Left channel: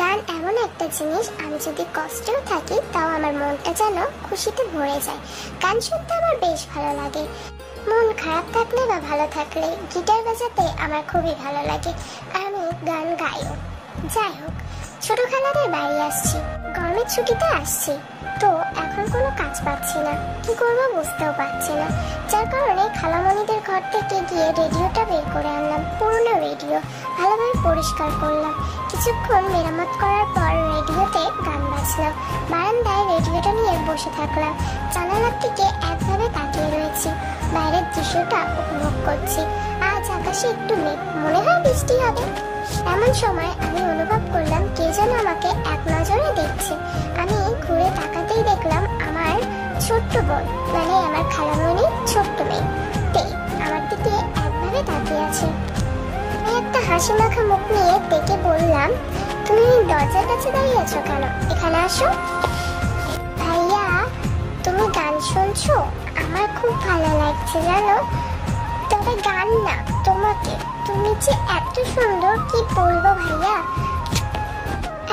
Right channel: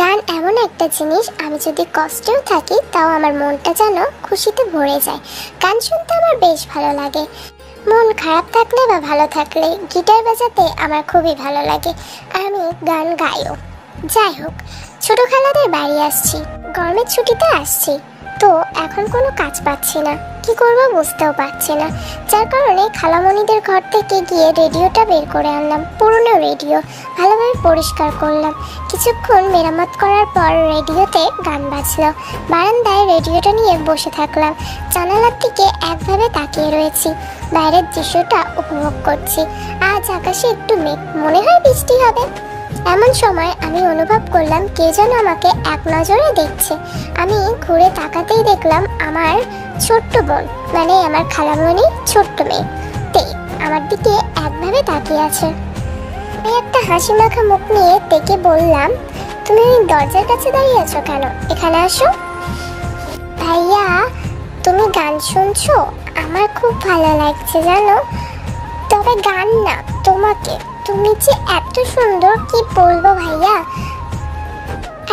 গান এমন একটা জিনিস, আমি যদি কষ্টেও থাকি তাও আমার মনটা যেন খুশিতে ভরে যায়। গান শুনতে আমার বেশ ভালো লাগে। মন খারাপ থাকলে বা ভালো থাকলে গিটার বাজাতে আমার খুবই ভালো লাগে। আমি গান গাইও। যাই হোক, ছোট খালাদের বাড়ি আসছি, গরমের ছুটিতে আসছি, তো এখন কোনো কাজ পাচ্ছি না, কি করবো বুঝতেও পারছি না। যার কারণে খালামণিদের ঘর থেকে গিয়ে রেডিওটা বের করে আনলাম। পুরনো রেডিও ভালোভাবে পরিষ্কার করলাম। কিছুক্ষণ মেরামত করার পর রেডিওতে গান বাজলো। বারান্দায় রেডিওটা নিয়ে বসে থাকলাম। জানালার দিকে একভাবে তাকিয়ে রয়েছি, বাইরের দৃশ্যটা উপভোগ করছি। আজ আকাশে একটু মেঘ, মনে হয় বৃষ্টি হবে। এমন সময় আমি অনুভব করলাম কে যেন আমাকে এক নজরে দেখছে। আমি ঘুরে তাকাতেই দেখলাম আমার ছোট্ট বোন, মানে আমার খালামণির ছোট্ট মেয়ে তে আমার দিকে একভাবে তাকিয়ে আছে। আমি একটা হাসি মাখা মুখ নিয়ে তেকে বললাম, তুমি দরজার কাছে দাঁড়িয়ে আছো কেন? এখানে আসো। ভাইয়া, তুমি গান শুনছো? আমার খুব ভালো লাগছে জানো। তবে গান না, তোমাকে। তুমি যে এত সুন্দর, কি বলবো ভাইয়া।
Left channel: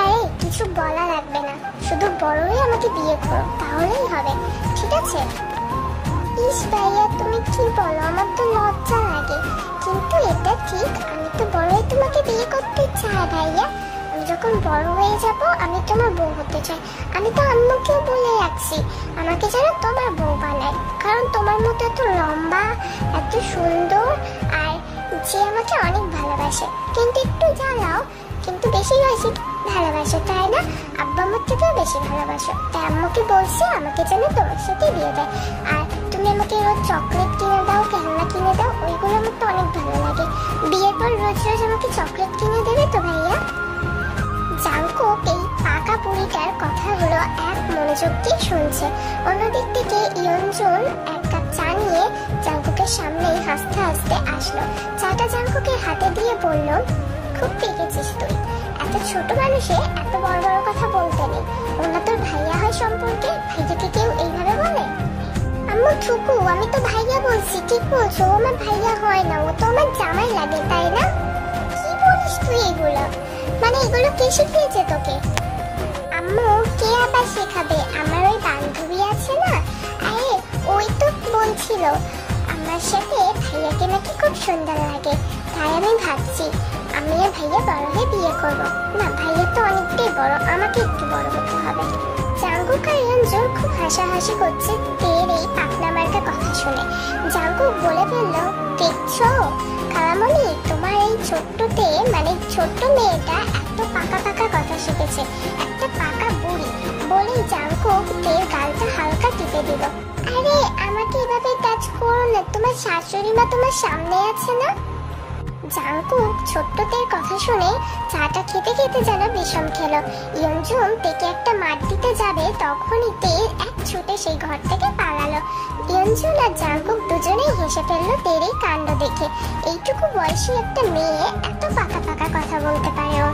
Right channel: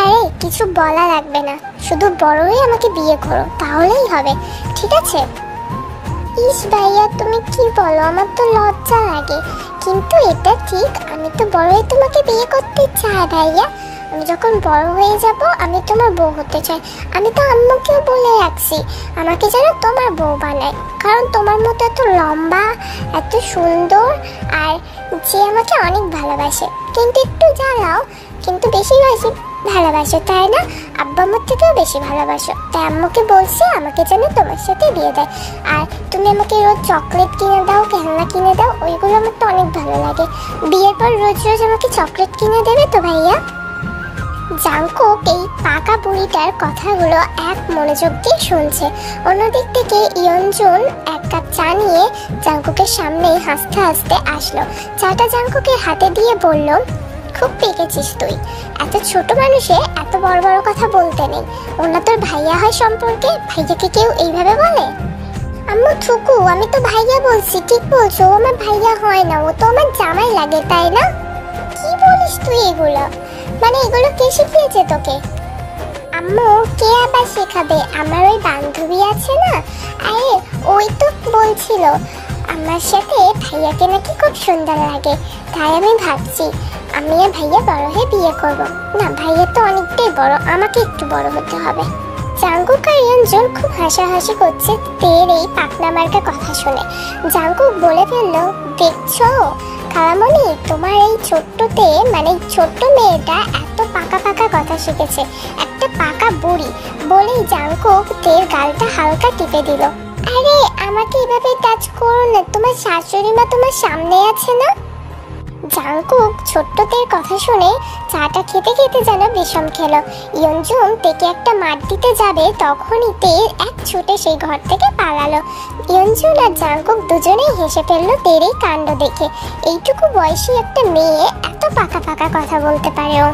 আরে কিছু বলা লাগবে না, শুধু বড় হয়ে আমাকে বিয়ে করো, তাহলেই হবে, ঠিক আছে? ইস ভাইয়া, তুমি কি বলো, আমার তো লজ্জা লাগে। কিন্তু এটা ঠিক, আমি তো বড় হয়ে তোমাকে বিয়ে করতে চাই ভাইয়া। আমি যখন বড় হয়ে যাব আমি তোমার বউ হতে চাই। আমি তো আম্মুকেও বলে রাখছি আমাকে যেন তোমার বউ বানায়, কারণ তোমার মতো এত লম্বা, এত সুন্দর, আর যে আমাকে অনেক ভালোবাসে, কিন্তু একটু জ্বালাও, কিন্তু বেশি বেশি ভালোবাসো, তাই না? আব্বা আম্মুর থেকেও বেশি ভালোবাসো। তাই আম্মুকে বলছি আমাকে যেন তোমার সাথে বিয়ে দেয়। আর তুমি আমাকে রোজ চকলেট কিনে দাও, খেলনা কিনে দাও, ওইগুলো আমার তো অনেক ভালো লাগে। বিয়ের পর রোজ রোজ আমাকে চকলেট কিনে দেবে তো ভাইয়া? জাঙ্কুক এই পাকা বুড়িটার কথাগুলো এক মনোযোগ দিয়ে শুনছে। অন্যদিক থেকে ইয়নজুন এক কাপ চা নিয়ে জাঙ্কুকের সামনেই হাসতে হাসতে আসলো। চাটা জাঙ্কুকের হাতে দিয়ে বলল, খুব পেকেছিস তুই। এত ছোট মানুষে এত বড় বড় কথা বলতে নেই। ওনা তোর ভাইয়া হয় সম্পর্কে, ভাইয়াকে কেউ এইভাবে বলে? আম্মু থুকু, আমি তো ভাইয়া বলছি। ঠিক বলছো, ও আমার ভাইয়া হয় না, ও তো আমার জামাই লাগে, তাই না? কি বলিস তুই এগুলো? মানে এগুলো কে শিখিয়েছে তোকে? আম্মু, কে আবার শেখাবে? আমার ওই বান্ধবী আছে না, আরে ওই তো বলছিল আমার সাথে ভাইয়াকে নাকি খুব সুন্দর লাগে। তাই আমি ভাবছি আমি আর ভাইয়া বড় হয়ে বিয়ে করব। না, ভাইয়া তো অনেকটাই বড়, আমাকে একটু বড় হতে হবে। জাঙ্কুক আর ইয়নজুন খুব হাসাহাসি করছে তের এই পাকনা মার্কা কথা শুনে। জাঙ্কুক বলে ফেললো, দেখছো খালামণি, তোমার এই ছোট্টতে, মানে ছোট্ট মেয়েটা এত পাকা পাকা কথা শিখেছে, একটা পাকা বুড়ি। বলেই জাঙ্কুক তের গালটা হালকা টিপে দিল। আরে আমাকে এভাবে টাচ করো না, তোমার শাশুড়ি মা তোমার সামনে আছে না। জাঙ্কুক ছোট্টদের কথা শুনে চাটা খেতে খেতে যেন বিষম খেলো। ইয়নজুন তেকে একটা মার দিতে যাবে, তখনই তে এক ছুটে সেই ঘর থেকে পালালো। ইয়নজুন আর জাঙ্কুক দুজনেই হেসে ফেললো তের এই কাণ্ড দেখে। এইটুকু বয়সী একটা মেয়ে এত পাকা পাকা কথা বলতে পারেও।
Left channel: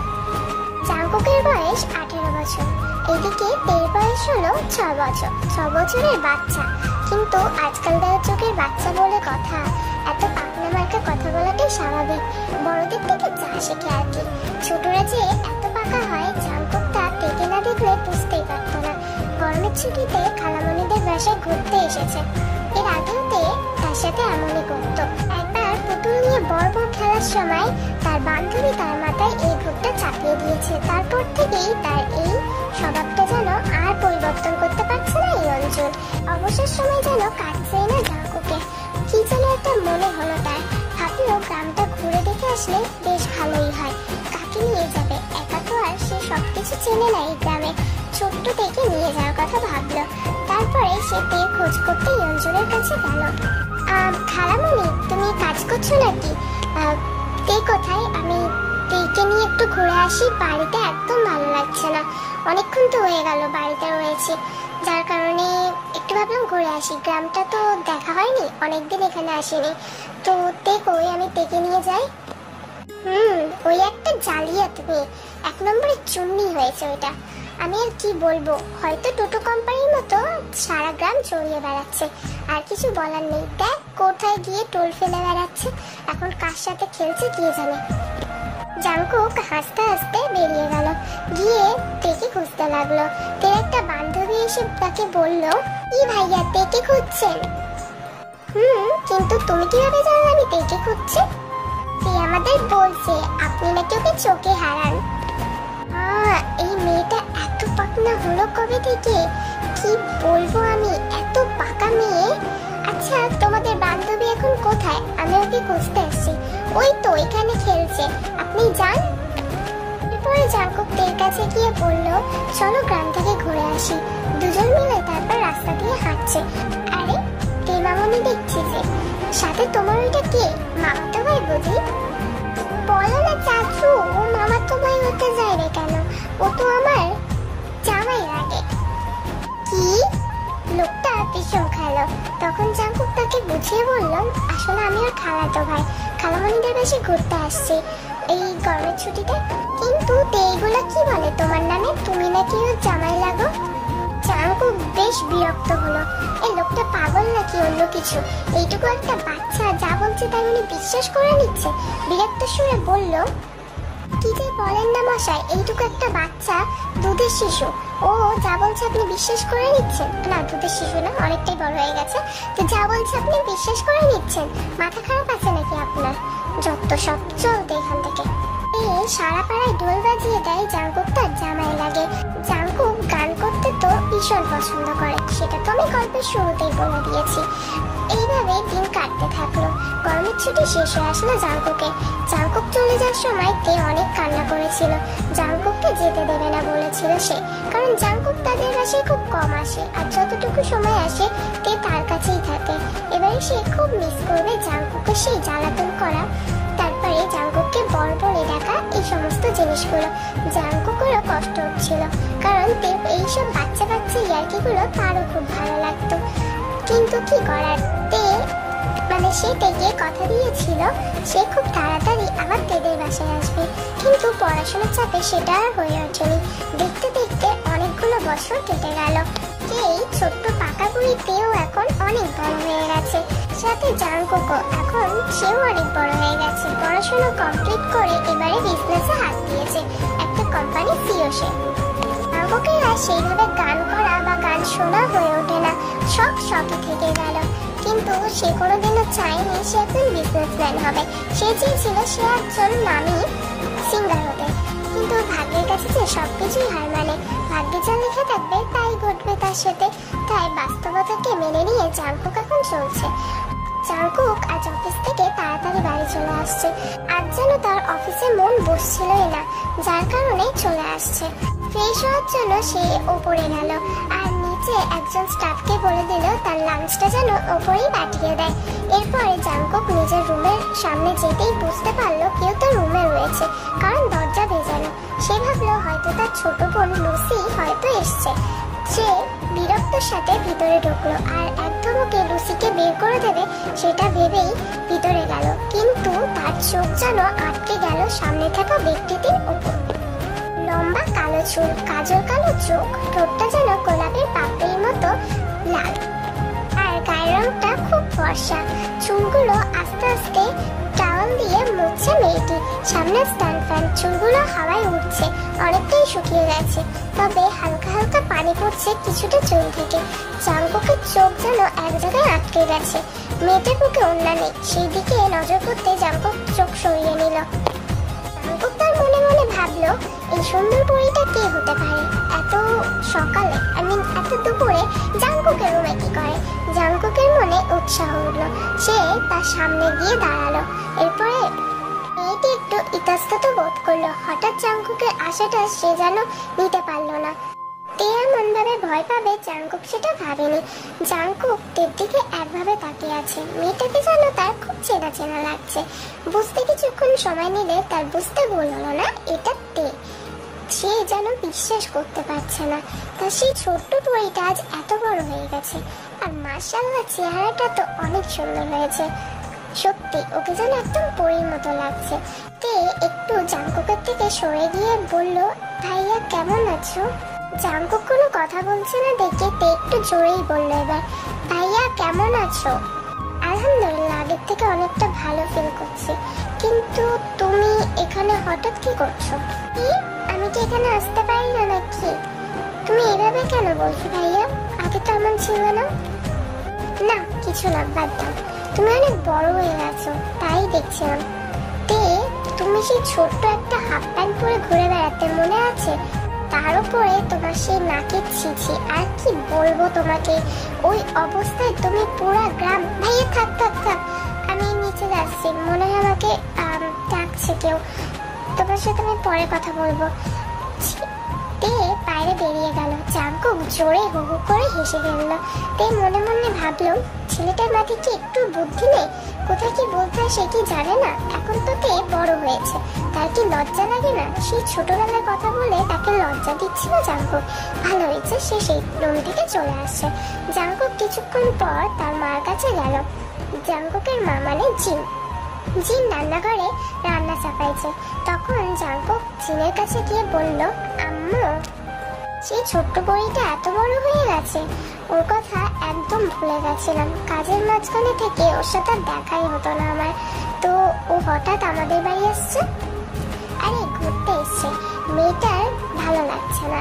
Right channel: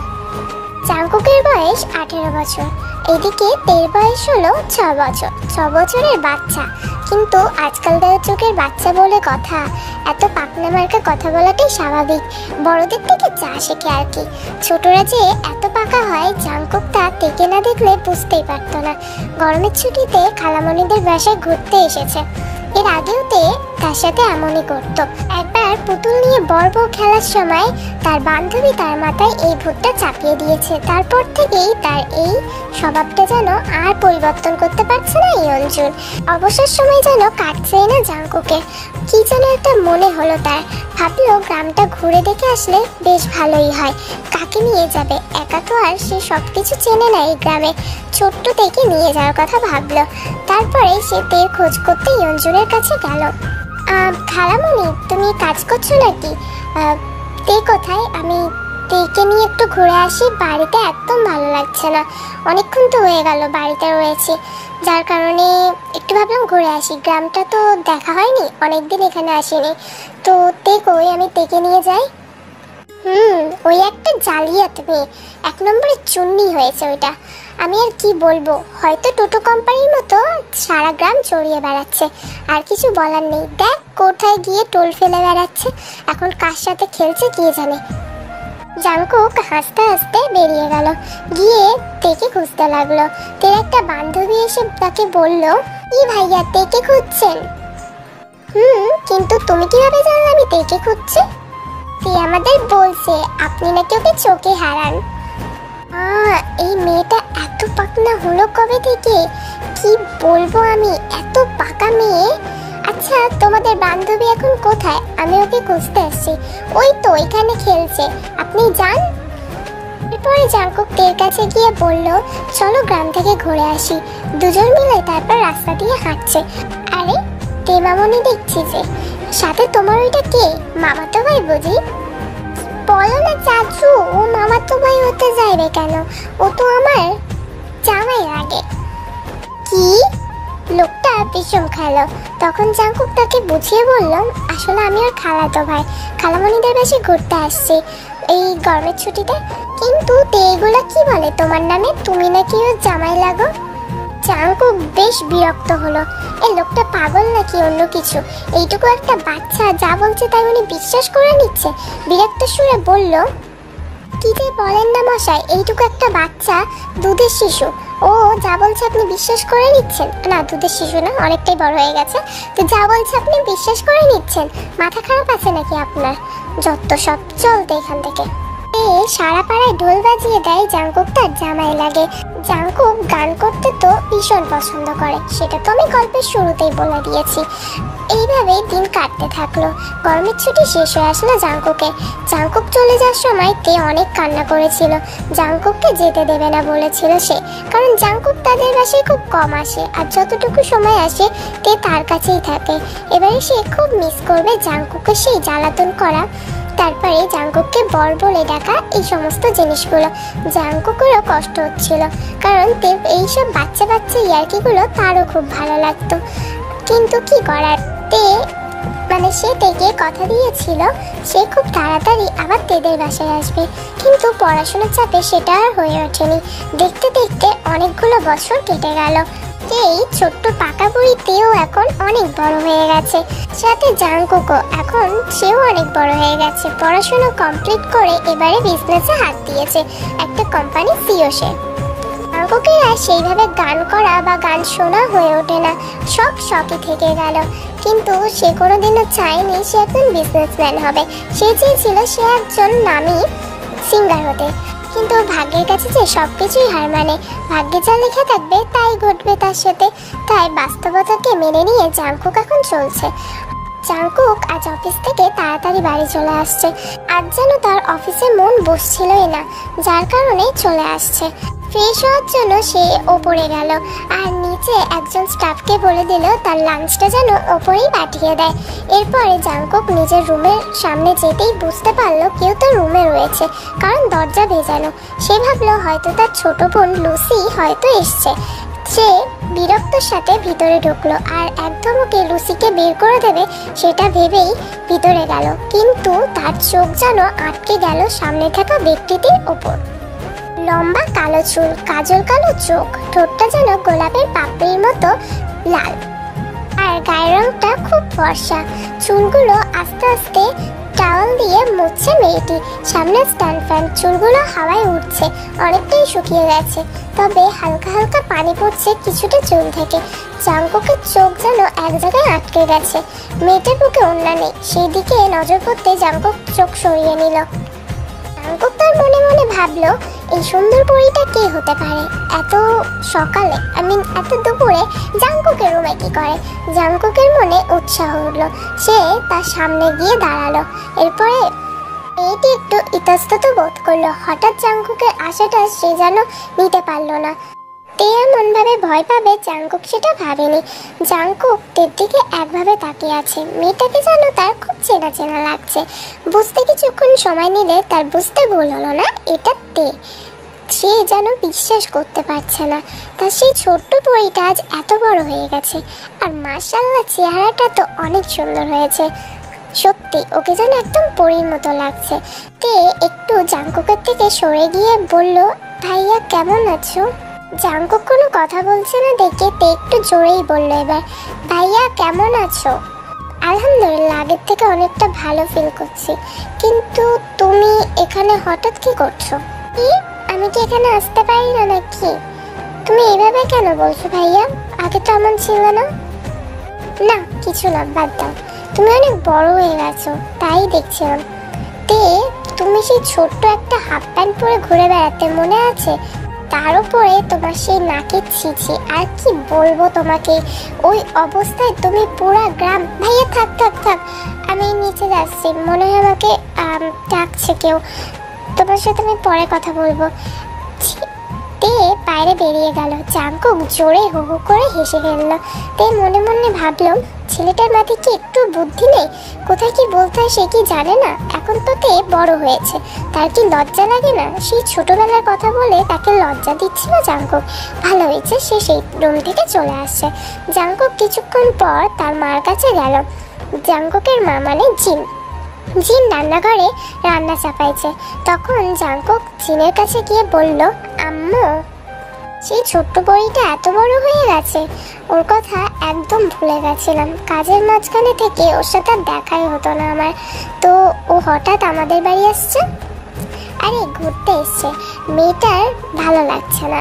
জাঙ্কুকের বয়স 18 বছর, এদিকে তের বয়স হলো 6 বছর। 6 বছরের বাচ্চা, কিন্তু আজকালকার যুগের বাচ্চা বলে কথা, এত পাকনা মার্কা কথা বলাটাই স্বাভাবিক। বড়দের থেকে যা শেখে আর কি। ছোটরা যে এত পাকা হয় জাঙ্কুক তা তেকে না দেখলে বুঝতেই পারতো না। গরমের ছুটিতে খালামণিদের বাসায় ঘুরতে এসেছে। এর আগেও তে তার সাথে এমনই করতো। একবার পুতুল নিয়ে বড় বউ খেলার সময় তার বান্ধবী তার মাথায় এই ভূতটা চাপিয়ে দিয়েছে। তারপর থেকেই তার এই স্বভাবটা যেন আর পরিবর্তন করতে পারছে না ইয়নজুন। অবসর সময় যেন কাটছেই না জাঙ্কুকে। কি যেন একটা মনে হলো তার। ভাবলো গ্রামটা ঘুরে দেখে আসলে বেশ ভালোই হয়। কাকে নিয়ে যাবে? একা তো আর সে সবকিছু চেনে না এই গ্রামে। ছোট্ট থেকে নিয়ে যাওয়ার কথা ভাবলো। তারপরে সে তের খোঁজ করতে ইয়নজুনের কাছে গেল। খালামণি, তুমি কাজ করছো নাকি? তে কোথায়? আমি তেকে নিয়ে একটু ঘুরে আসি, বাড়িতে একদম ভালো লাগছে না। অনেকক্ষণ তো হয়ে গেল বাড়িতে রয়েছে, যার কারণে একটু ভাবলাম ঘুরে আসি। গ্রামটা তো দেখা হয়নি, অনেকদিন এখানে আসিনি। তো তে কই, আমি তেকে নিয়ে যাই। ওই একটা জালিয়াত মেয়ে, 1 নম্বরের চুন্নি হয়েছে ওইটা। আমি আর কি বলবো, হয়তো টোটো কোম্পানির মতো সারা গ্রাম চড়িয়ে বেড়াচ্ছে। আর কিছু বলার নেই, দেখ কোথায় গিয়ে টোল ফেলে বেড়াচ্ছে। এখন কার সাথে খেলছে কে জানে। জাঙ্কুক হাসতে হাসতে বেরিয়ে গেল। গিয়ে খুঁজতে লাগলো। তে একটা বান্ধবী এসে তাকে বলল, কি ভাইয়া তেকে খুঁজছেন? কিন্তু তুমি কিভাবে জানলে আমি তেকে খুঁজছি? তে আমাদের বলছে আপনি নাকি ওকে চোখে হারান। এই মেয়েটা এত পাকনা হলো কবে থেকে, কি বলবো আমি, এত পাকা মেয়ে। আচ্ছা তোমাদের বান্ধবী এখন কোথায়? আমি ওকে খুঁজতে আসছি। ওই তো এখানে খেলছে, আপনি যান। এরপরে জাঙ্কুক তের কাছে গিয়ে বলল, চলো গ্রাম থেকে ঘুরে আসি। দুজন মিলে তারপর রাস্তা দিয়ে হাঁটছে। আরে তে মামনি দেখছি যে, সাথে তোমার ওইটা কে? মামাতো ভাই বুঝি? বলো না চাচু, ও মামাতো ভাই হতে যাইবে কেন? ও তো আমার জামাই লাগে। কি? লোকটা ভীষণ খালো। তখন জাঙ্কুক তাকে বুঝিয়ে বললাম, আসলে আমি ওর খালাতো ভাই, খালামণিদের বাসে ঘুরতে আসছি এই গরমের ছুটিতে। কিন্তু এগুলা কি বলে তোমার নামে? তুমি নাকি ওর জামাই লাগো। জাঙ্কুক বেশ বিরক্ত হলো, এই লোকটা পাগল নাকি অন্য কিছু? এইটুকু একটা বাচ্চা যা বলছে তাই উনি বিশ্বাস করে নিচ্ছে। বিরক্ত সুরে বলল, কি যে বলেন না মশাই, এইটুকু একটা বাচ্চা, দুধের শিশু, ও যা বলছে আপনি বিশ্বাস করে নিচ্ছেন? না দুধের শিশু না, অনেকটাই বড় হয়ে গেছে। তো যা বলছে আপনি বিশ্বাস করে নিচ্ছেন? মাথা খারাপ আছে নাকি আপনার? যত সব, চলতে এখান থেকে। সারা পাড়ায় ঢোল বাজিয়ে দেয় জাঙ্কুক তার জামাই লাগে। জাঙ্কুক গান করতে তো ভীষণ পছন্দ করে, সেটা তো আমি গল্পের শুরুতেই বলে দিয়েছি। এইভাবে দিন কাটতে থাকলো। গরমের ছুটি শেষ হয়ে আসলো জাঙ্কুকের। জাঙ্কুক চলে যাওয়ার সময় তে অনেক কান্না করেছিল। জাঙ্কুককে যেতে দেবে না বলেছিল সে, কারণ জাঙ্কুক তাদের বাসায় খুব কম আসে, আর যতটুকু সময় আসে তে তার কাছেই থাকে। এবারে সে খুব মিস করবে জাঙ্কুকের সেই জ্বালাতন করা, তারপরে জাঙ্কুককে বর বলে ডাকা, এই সমস্ত জিনিসগুলো। জাঙ্কুকেরও কষ্ট হচ্ছিল, কারণ তে এইসব বাচ্চা বাচ্চা ইয়ার্কিগুলো তারও খুব ভালো লাগতো। কিন্তু কি করার, সে তেকে কথা দিয়েছিল সে খুব তাড়াতাড়ি আবার তেদের বাসায় আসবে, কিন্তু পড়াশোনার চাপে সেটা আর হয়ে ওঠেনি। দেখতে দেখতে অনেকগুলো বছর কেটে গেল। এই ছোট্ট পাকা বুড়িতেও এখন অনেক বড় হয়ে গেছে, সাথে জাঙ্কুকও এখন সেও অনেক বড় হয়ে গেছে। পড়াশোনা কমপ্লিট করে এবারে বিজনেসে হাত দিয়েছে, একটা কোম্পানি সিও সে। জাঙ্কুকের আর সেইভাবে গান করা বা গান শোনা হয়ে ওঠে না, সব শখই থেকে গেল। কিন্তু সে কোনোদিনও চায়নি সে একজন বিজনেসম্যান হবে, সে চেয়েছিল সে একজন নামী সিঙ্গার হতে। কিন্তু ভাগ্যের কাছে যে সবকিছুই হার মানে, ভাগ্যে যা লেখা থাকবে তাই ঘটবে তার সাথে। তাই বাস্তবতাকে মেনে নিয়ে জাঙ্কুক এখন চলছে। জাঙ্কুক আজ অফিস থেকে তাড়াতাড়ি বাড়ি চলে আসছে। আজ যেন তার অফিসে মন বসছিলই না, যার কারণে চলে আসছে। ফ্রেশ হওয়ার জন্য সে ওপরে গেল, আর নিচে একজন স্টাফকে বলে দিল তার লাঞ্চটা যেন ওপরেই পাঠিয়ে দেয়। এরপরে জাঙ্কুক নিজের রুমের সামনে যেতেই বুঝতে পারলো কেউ তার রুমে রয়েছে, কারণ দরজা ভেজানো। সে ভাবলো হয়তো তার ছোট বোন লুসি হয়তো এসছে। সে বিরক্তর সাথে ভিতরে ঢুকলো, আর একদম ওকে লুসিকে বের করে দেবে সেটা ভেবেই ভিতরে গেল, কিন্তু তার চোখ যেন আটকে গেল সামনে থাকা ব্যক্তিটির ওপর। লম্বা কালো চুল, কাজল কালো চোখ, ঠোঁটটা যেন গোলাপের পাপড়ির মতো লাল, আর গায়ের রংটা খুব ফর্সা। চুলগুলো আস্তে আস্তে টাওয়াল দিয়ে মুছছে মেয়েটি। সামনে স্ট্যান্ড ফ্যান, চুলগুলো হাওয়ায় উঠছে, অনেকটাই শুকিয়ে গেছে, তবে হালকা হালকা পানি পড়ছে কিছুটা চুল থেকে। জাঙ্কুকের চোখ যেন এক জায়গায় আটকে গেছে। মেয়েটার মুখে ওড়না নেই, সেই দিকে নজর করতে জাঙ্কুক চোখ সরিয়ে নিল। জাঙ্কুক তার মনে মনে ভাবলো এই সুন্দর পরীটা কে হতে পারে? এত সকালে, এত দুপুরে জাঙ্কুকের রুমে কি করে? জাঙ্কুকের মনে উৎসাহ উঠলো, সে তার সামনে গিয়ে দাঁড়ালো। এরপরে মেয়েটি একটু ইতস্তত বোধ করলো। হঠাৎ জাঙ্কুকের আশাটা সে যেন নিতে পারলো না। তে এমন ভাবে ভয় পাবে জাঙ্কুক সেটা ভাবেনি। জাঙ্কুক তের দিকে একভাবে তাকিয়ে আছে, মেয়েটাকে যেন তার খুব চেনা চেনা লাগছে। বুঝতে কিছুক্ষণ সময় নিলে তার বুঝতে ভুল হলো না এটা তে। সে যেন বিশ্বাস করতে পারছে না তার সেই ছোট্ট পরীটা আজ এত বড় হয়ে গেছে, আর মাশাআল্লাহ চেহারাটা তো অনেক সুন্দর হয়েছে। সত্যি ওকে যেন একদম পরীর মতো লাগছে। তে একটু জাঙ্কুকের থেকে সরে গিয়ে বলল, ভাইয়া কেমন আছো? জাঙ্কুক কোনো কথা বলছে না দেখে তে একটু জোরেই বললো এবার, ভাইয়া কেমন আছো? আলহামদুলিল্লাহ, আগের থেকে অনেকটা ভালো ফিল করছি। কিন্তু তুমি এখানে হঠাৎ কি করছো? কি, আমি কি এখানে আসতে পারি না নাকি? তুমি এইভাবে কেন বলছো ভাইয়া? আগে তো এমন ছিল না। না কিছু না, বাদ দাও। তুমি অনেক বড় হয়ে গেছো তাই দেখছিলাম। তে তুমি সেই ছোট্ট একটা হাফ প্যান্ট পরে ঘুরে বেড়াতে মনে আছে? তার উপরে তোমার সেই নাকের ছিছি, আর কি বলবো তোমাকে, ওই অবস্থায় তুমি পুরা গ্রাম। ভাইয়া থাক থাক থাক, আমি নিচে যাচ্ছি, মনে হয় আমাকে ডাকছে কেউ। তোমার সাথে আমি পরে কথা বলবো। তে বাইরে বেরিয়ে গেল। জাঙ্কুক জোরে হু হু করে হেসে ফেললো। তে মনে মনে ভাবলো, ছেলেটার মাথায় কি একটু বুদ্ধি নেই? কোথায় কি বলতে হয় সে কি জানে না? এখন তো তে বড় হয়েছে, তার কি লজ্জা লাগে না? সেই ছোটবেলার কথা বলে তাকে লজ্জা দিচ্ছিল জাঙ্কুক। ভালো হয়েছে সে সেই রুম থেকে চলে আসছে। জাঙ্কুক কিছুক্ষণ পর তার মার কাছে গেল। জাঙ্কুকের মা মানে জিন। জিন রান্নাঘরে রান্না চাপাইছে। তখন জাঙ্কুক জিনের কাছে গিয়ে বলল, আম্মু, সেই ছোট্ট বড়িটা এত বড় হয়ে গেছে, ওর কথা একদম ভুলে গেছিলাম। কাজের মাঝখানে থেকে ওর সাথে দেখাই হতো না আমার, তো ও হঠাৎ আমাদের বাড়ি আসছে। আরে ঘুরতে এসছে, মেয়েটার ভালো লাগছে না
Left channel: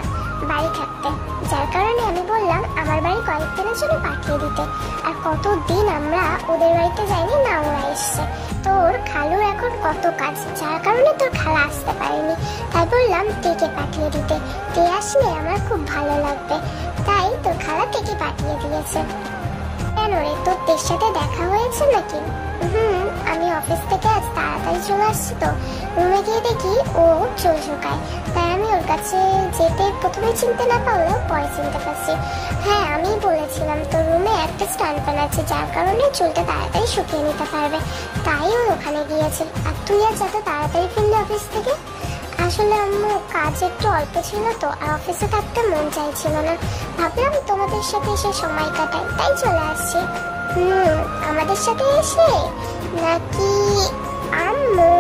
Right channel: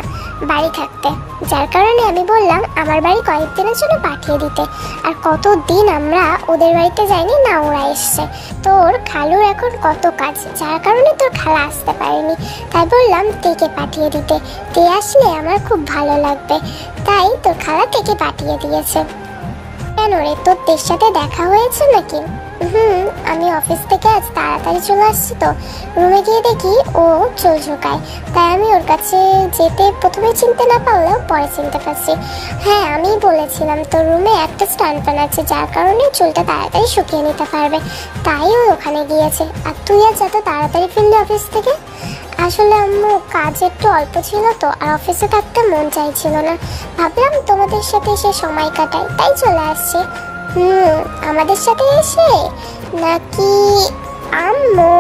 বাড়ি থাকতে, যার কারণে আমি বললাম আমার বাড়ি কয়েকদিনের জন্য পাঠিয়ে দিতে। আর কতদিন আমরা ওদের বাড়িতে যাইনি না, ওরা এসছে। তোর খালুর এখন কত কাজ, যার কারণে তোর খালা আসতে পারেনি, তাই বললাম তেকে পাঠিয়ে দিতে। তে আসলে আমার খুব ভালো লাগবে, তাই তোর খালা তেকে পাঠিয়ে দিয়েছে। কেন রে, তোর তের সাথে দেখা হয়েছে নাকি? আমি অফিস থেকে আজ তাড়াতাড়ি চলে আসছি, তো রুমে গিয়ে দেখি ও চুল ঝোঁকায়, তাই আমি ওর কাছে যেতে প্রথমে চিনতে না পারলেও পরে চিনতে পারছি। হ্যাঁ, আমি বলেছিলাম তোর রুমে একটা স্ট্যান্ড ফ্যান আছে, যার কারণে চুলটা তাড়াতাড়ি শুকিয়ে নিতে পারবে, তাই ও ওখানে গিয়েছে। আর তুই আর যত তাড়াতাড়ি ফিরলি অফিস থেকে? আসলে আম্মু কাজ একটু অল্প ছিল তো, আর অফিসে থাকতে মন চাইছিল না, ভাবলাম তোমাদের সাথে এসে সময় কাটাই, তাই চলে আসছে। আমাদের সাথে এসে নাকি? আম্মু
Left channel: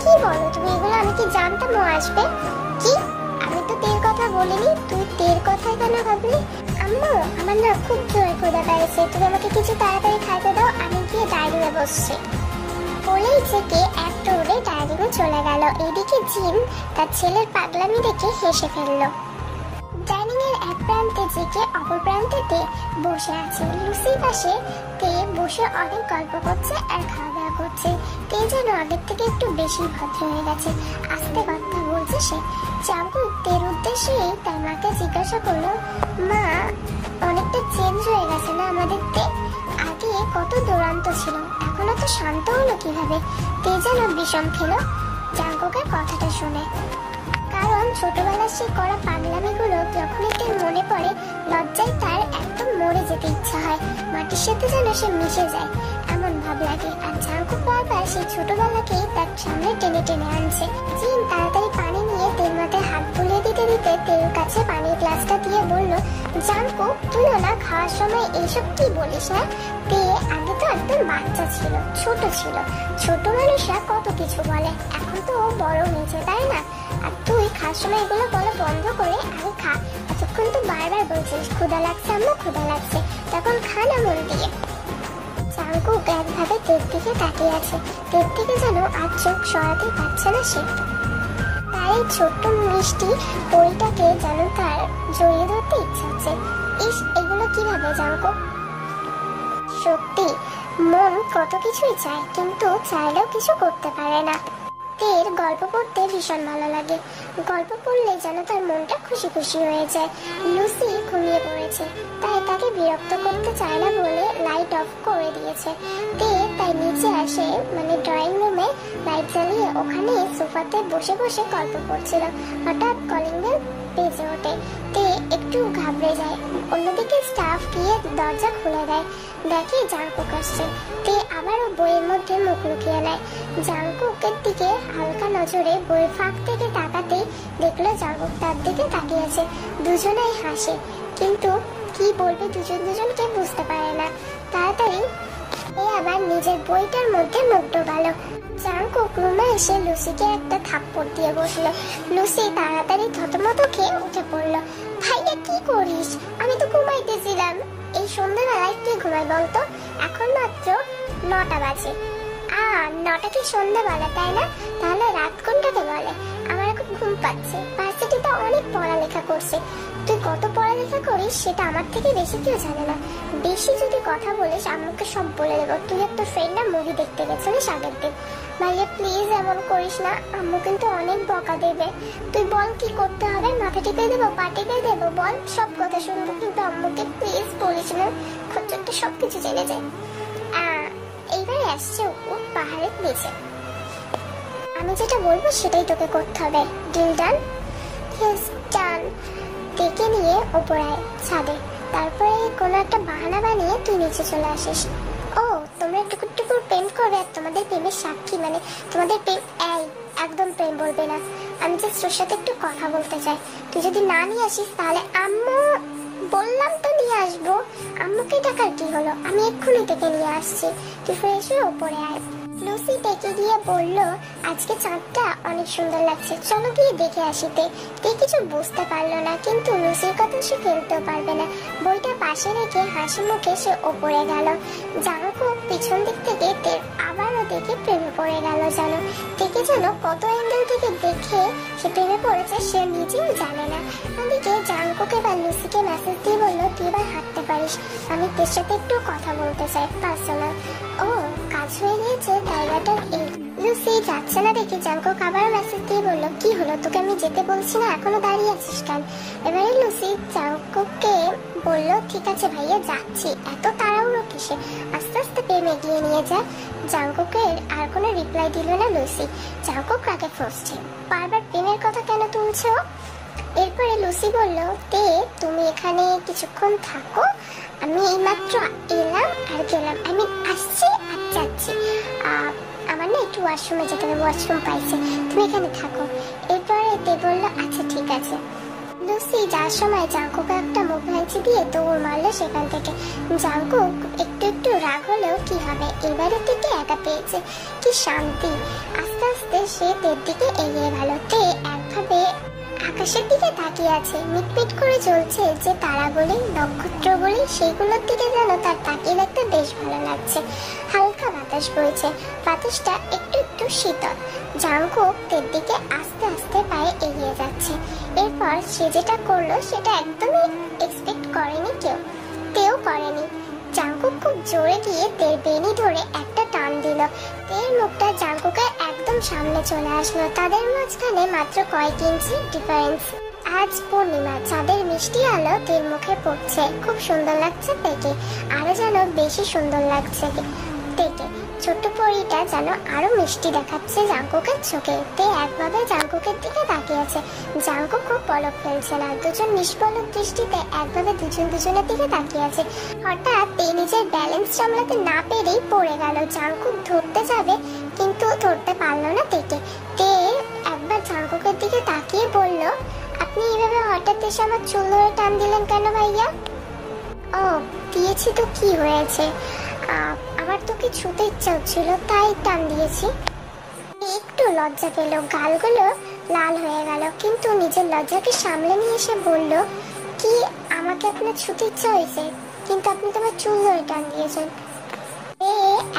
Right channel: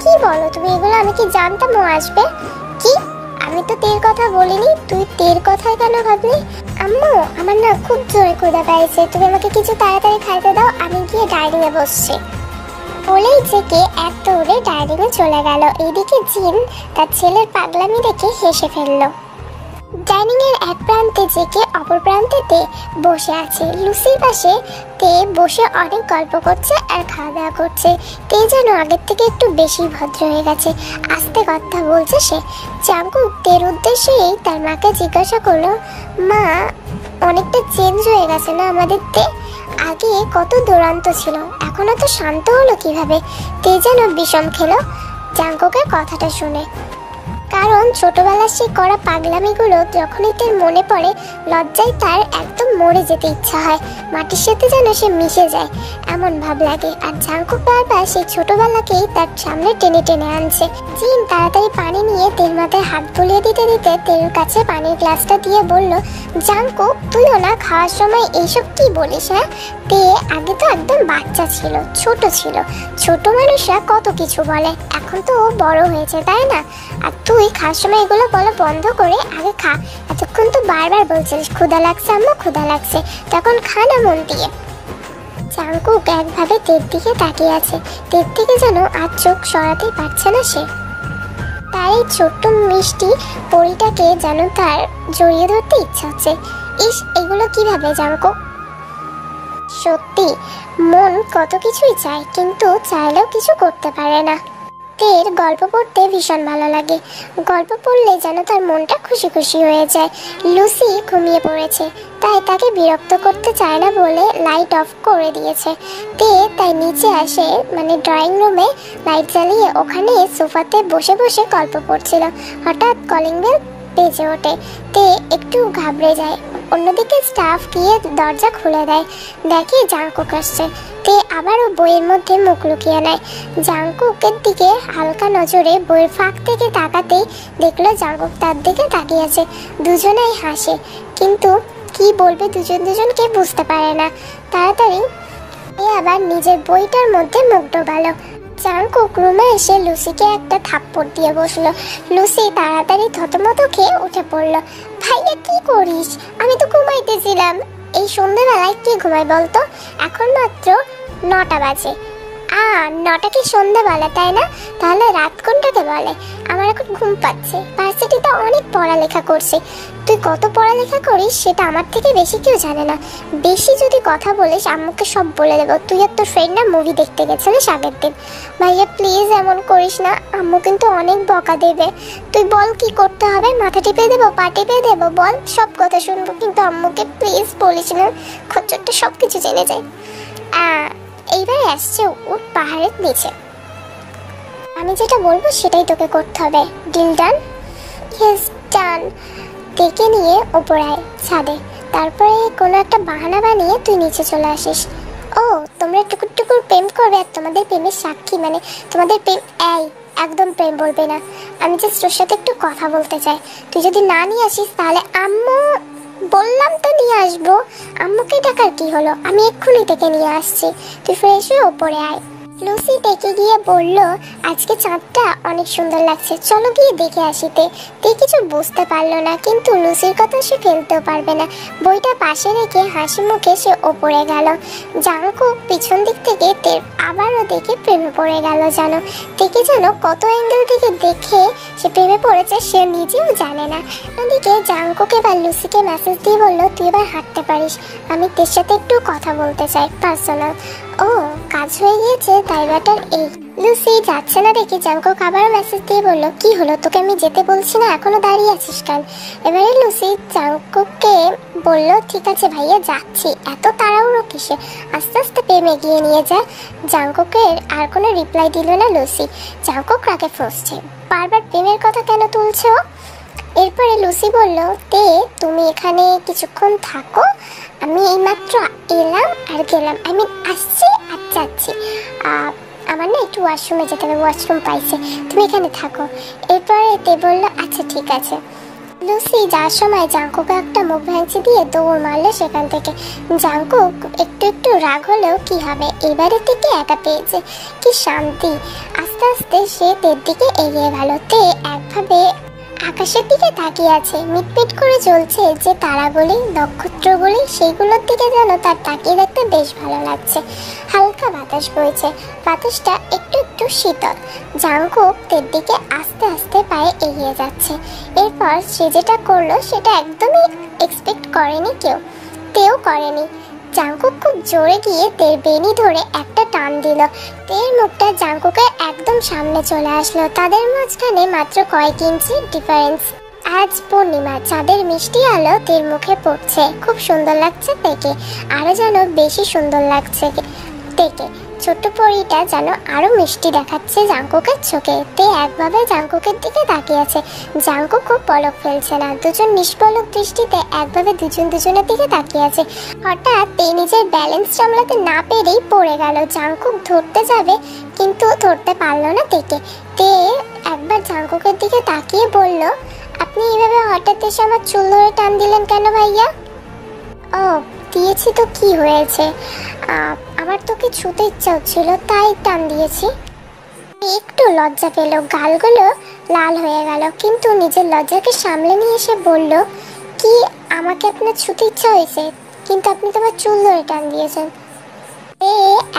কি বলো তুমি এগুলো? আমি কি জানতাম ও আসবে? কি, আমি তো তের কথা বলিনি, তুই তের কথা কেন ভাবলি? আম্মু আমার না খুব জোরে ক্ষুধা পেয়েছে, তুমি আমাকে কিছু তাড়াতাড়ি খাইতে দাও, আমি গিয়ে ডাইনিং এ বসছি। বলেই থেকে এক দৌড়ে ডাইনিং এ চলে গেল। এইদিকে জিন তার ছেলের পাগলামি দেখে হেসে ফেললো। ডাইনিং এর এক প্রান্তে জেকে অপর প্রান্তে তে বসে আছে। লুসির পাশে তে বসে অনেক গল্প করছে আর খাওয়া দাওয়া করছে। তে যেন আগের থেকে একটু বেশি ভদ্র হয়ে গেছে, আস্তে কথা বলছে সে। জাঙ্কুক তের উদ্দেশ্যেই তার মাকে জিজ্ঞাসা করলো, মা অনেকটা চেঞ্জ হয়ে গেছে না আমাদের তে? আগে কত দুরন্ত ছিল, এখন এত শান্ত হলো কিভাবে? তে যেন বিষম খেলো জাঙ্কুকের কথাটা শুনে। কারণ ছোটবেলার সেই করা পাগলামিগুলো যখনই তার মনে পড়ে, লজ্জায় তার একদম মরে যেতে ইচ্ছা হয়, মাটির সাথে যেন সে মিশে যায় এমন ভাব লাগে। আর জাঙ্কুক বারবার সেই ছোটবেলাকেই তার সামনে টেনে টেনে আনছে। জিন তাড়াতাড়ি পানি নিয়ে তের মাথায় হাত বুলিয়ে দিতে দিতে তের কাছে পানির গ্লাসটা দিয়ে বলল, জাঙ্কুক তুইও না খাওয়ার সময় এইসব কি বলিস? হ্যাঁ, তে আগে তো একদম বাচ্চা ছিল, ছোট ছিল, ছোট মানুষরা কত কিছু বলে, এখন তো ও বড় হয়েছে তাই না? আর তুই খাওয়ার সময় এগুলো বলা বন্ধ করে আগে খা। এতক্ষণ তো বারবার বলছিস ক্ষুধা লাগছে আম্মু, ক্ষুধা লাগছে, তখন খা না মন দিয়ে। জাঙ্কুক একভাবে তের দিকে তাকিয়ে আছে, তের থেকে যেন আর চোখ সরাতেই পারছে না সে। তার এই ছোট্ট মিষ্টি পরিটাকে যেন তার জড়িয়ে ধরতে ইচ্ছা হচ্ছে। ইস, এগুলো কিভাবে জাঙ্কুক? সত্যি মন কত কিছুই চায়, কিন্তু চাইলেও কিছু করতে পারে না। তের গল্প পড়তে ভীষণ ভালো লাগে, গল্প পড়লে যেন তার মনটা খুশি খুশি হয়ে যায়। লুসি ঘুমিয়ে পড়েছে, তাই তাকে বিরক্ত করতে চায় না বলে লাইট অফ করে দিয়েছে। তে তাই নিচে আসে, মানে ড্রয়িং রুমে লাইট জ্বালিয়ে ওখানে সোফাতে বসে বসে গল্প পড়ছিল। হঠাৎ কলিং বেল বেজে ওঠে, তে একটু ঘাবড়ে যায়। অন্যদিকে স্টাফ গিয়ে দরজা খুলে দেয়, দেখে জাঙ্কুক আসছে। তে আবারও বইয়ের মধ্যে মুখ লুকিয়ে নেয়। জাঙ্কুকের দিকে হালকা নজরে বইয়ের ফাঁক থেকে তাকাতেই দেখলো জাঙ্কুক তার দিকে তাকিয়ে আছে। দুজনেই হাসে, কিন্তু কি বলবে দুজন দুজনকে বুঝতে পারে না। তাড়াতাড়ি আবার নিজের বইটার মধ্যে মুখ ডোবালো। জাঙ্কুক রুমে এসে লুসিকে একটা থাপ্পড় দিয়ে বসলো। লুসি তাড়াতাড়ি থতমত খেয়ে উঠে পড়লো। ভাইয়া কি করিস? আমি তো ঘুমাইতেছিলাম। এই সন্ধ্যাবেলায় কি ঘুমাই বলতো? এখন মাত্র 9টা বাজে। 9টা কি সন্ধ্যা বলে তাই না? তাহলে রাত কোনটাকে বলে? আমার এখন ঘুম পাচ্ছে, ভার্সিটিতে অনেক পড়ালেখা করছি। তুই কত পড়ালেখা করিস সেটা আমার থেকে বেশি কেউ জানে না। বেশি যদি কথা বলিস আম্মুকে সব বলে দেবো। তুই আর তোর ফ্রেন্ড না মুভি দেখতে গেছিলিস আগের দিন। ভাইয়া প্লিজ এমন করিস না, আম্মু কিন্তু অনেক বকা দেবে। তুই বল কি করতে হবে, মাথা টিপে দেবো, পা টিপে দেবো, বল, সব কথা শুনবো, কিন্তু আম্মুকে প্লিজ বলিস না, খচ্চরটা সব কিছু জেনে যায়। এইবারে আসছে ও পাহাড়ের নিচে। আমি যেটা বলবো সেটাই তোকে করতে হবে। Deal done? Yes done. ডেকে নিয়ে ওপর আয় ছাদে, তারপরে কোনো একটা বাহানা বানিয়ে তুই নিচে চলে আসিস। ও তোমরা টুকুর টুকুর প্রেম করবে আর তোমাদের প্রেমের সাক্ষী মানে তোমাদের প্রেম। এই একদম প্রেম বলবে না, আমি জাস্ট তোর সাথে একটু কথা বলতে চাই। তুই যদি না নিয়ে আসিস তাহলে আম্মু, বললাম তো নিয়ে আসবো। আম্মুকে ডাকার কি হলো, আমি এক্ষুনি ডেকে নিয়ে আসছি, তুই ফ্রেশ হয়ে ওপরে আয়। লুসি ডেকে গিয়ে বলল, আজকে চাঁদটা অনেক সুন্দর লাগছে, চলো গিয়ে দেখে আসিতে। তে কিছু বুঝতে পারলো না, কিন্তু লুসির কথা সে ফেলতেও পারবে না। বইটা পাশে রেখে হাসি মুখে সে ওপরে গেল। জাঙ্কুক পিছন দিক থেকে তের আবারও দেখে প্রেমে পড়ে গেল। জানো তেকে যেন কত অ্যাঙ্গেল থেকে দেখে সে প্রেমে পড়েছে সে নিজেও জানে না। ওদিকে জাঙ্কুক এবার লুসিকে মেসেজ দিয়ে বলল, তুই এবার হাঁটতে পারিস, আমি তোর সাথে একটু কথা বলতে চাই পার্সোনাল। ও কাজ হয়ে গিয়েছে তাই ব্যাটার এই। লুসি যাচ্ছে না দেখি জাঙ্কুক আবার মেসেজ দিয়ে বলল, কি হলো, তোকে আমি যেতে বলছি না, এখনো দাঁড়িয়ে আছিস কেন? এবারে লুসি জাঙ্কুককে বলল, ঠিক আছে ভাইয়া যাচ্ছি, এত তাড়াহুড়ো কিসে, আস্তে আস্তে প্রেম এগিয়ে নিয়ে যা। জাঙ্কুকের আর কোনো রিপ্লাই দিল না লুসি। জাঙ্কুক রাগে ফুঁসছে, বারবার প্রেমের কথা কেন তুলছে ও? এরপরে লুসি বলল, তে তুমি এখানে কিছুক্ষণ থাকো, আমি এইমাত্র এলাম আর গেলাম, আমি আসছি আর যাচ্ছি, আমার না একটু ওয়াশরুমে যেতে হবে, ওয়াশরুম পাইছে, তুমি এখানে থাকো। এরপরে তে বললো, আচ্ছা ঠিক আছে। লুসি যাওয়ার সময় জাঙ্কুকে একটা মুখ ভেঙচি দিয়ে দৌড় মারলো সেখান থেকে। জাঙ্কুক একটু একটু রাগ হলেও কি হবে, এবারে থেকে একা পেয়েছে, কি শান্তি। আস্তে আস্তে সে তের দিকে এগিয়ে গেল। তে একভাবে আকাশের দিকে তাকিয়ে আছে, মিটমিট করে জ্বলছে যে তারাগুলি, নক্ষত্রগুলি, সেইগুলোর দিকে যেন তার তাকিয়ে দেখতে বেশ ভালো লাগছে। হালকা বাতাস বইছে, বাতাসটা একটু একটু শীতল। জাঙ্কুক তের দিকে আস্তে আস্তে পায়ে এগিয়ে যাচ্ছে। এরপর সে যেটা করলো সেটা একদমই এক্সপেক্ট করেনি কেউ, তেও করেনি। জাঙ্কুক খুব জোরে গিয়ে তের বেনি ধরে একটা টান দিল। তের মুখটা জাঙ্কুকের একদম সামনে চলে আসলো। তাদের মাঝখানে মাত্র কয়েক ইঞ্চি ডিফারেন্স। আজ পূর্ণিমা, চাঁদের মিষ্টি আলো তের মুখে পড়ছে, খুব সুন্দর লাগছে তেকে, আরো যেন বেশি সুন্দর লাগছে তেকে। ছোট্ট পরীটা যেন আরো মিষ্টি দেখাচ্ছে জাঙ্কুকের চোখে। তে একভাবে জাঙ্কুকের দিকে তাকিয়ে আছে, জাঙ্কুক খুব পলক ফেলছে না, দুজন নিষ্পলক দৃষ্টিতে একভাবে দুজন দুজনের দিকে তাকিয়ে আছে। হঠাৎ তে নিজের ব্যালেন্স সামলাতে না পেরেই পড়ে গেল। জাঙ্কুক ধরতে যাবে কিন্তু ধরতে পারলো না তেকে। তে একবার জাঙ্কুকের দিকে তাকিয়ে বলল, আপনি এইভাবে হঠাৎ এসে আমার চুল ধরে টান দিলেন কেন ভাইয়া? ও দিয়েছি তো কি হয়েছে, আমার তোকে ছুতে ইচ্ছা হচ্ছিল তাই টান দিয়েছি। একটু লজ্জা পেল, গালগুলো লাল হয়ে গেল, কিন্তু নিজের লজ্জাকে সামলে নিয়ে এসে বলল, কি আমাকে আপনার ছুতে ইচ্ছা হয়েছে, কিন্তু আপনি তো আমার চুল ধরে টান দিয়েছেন।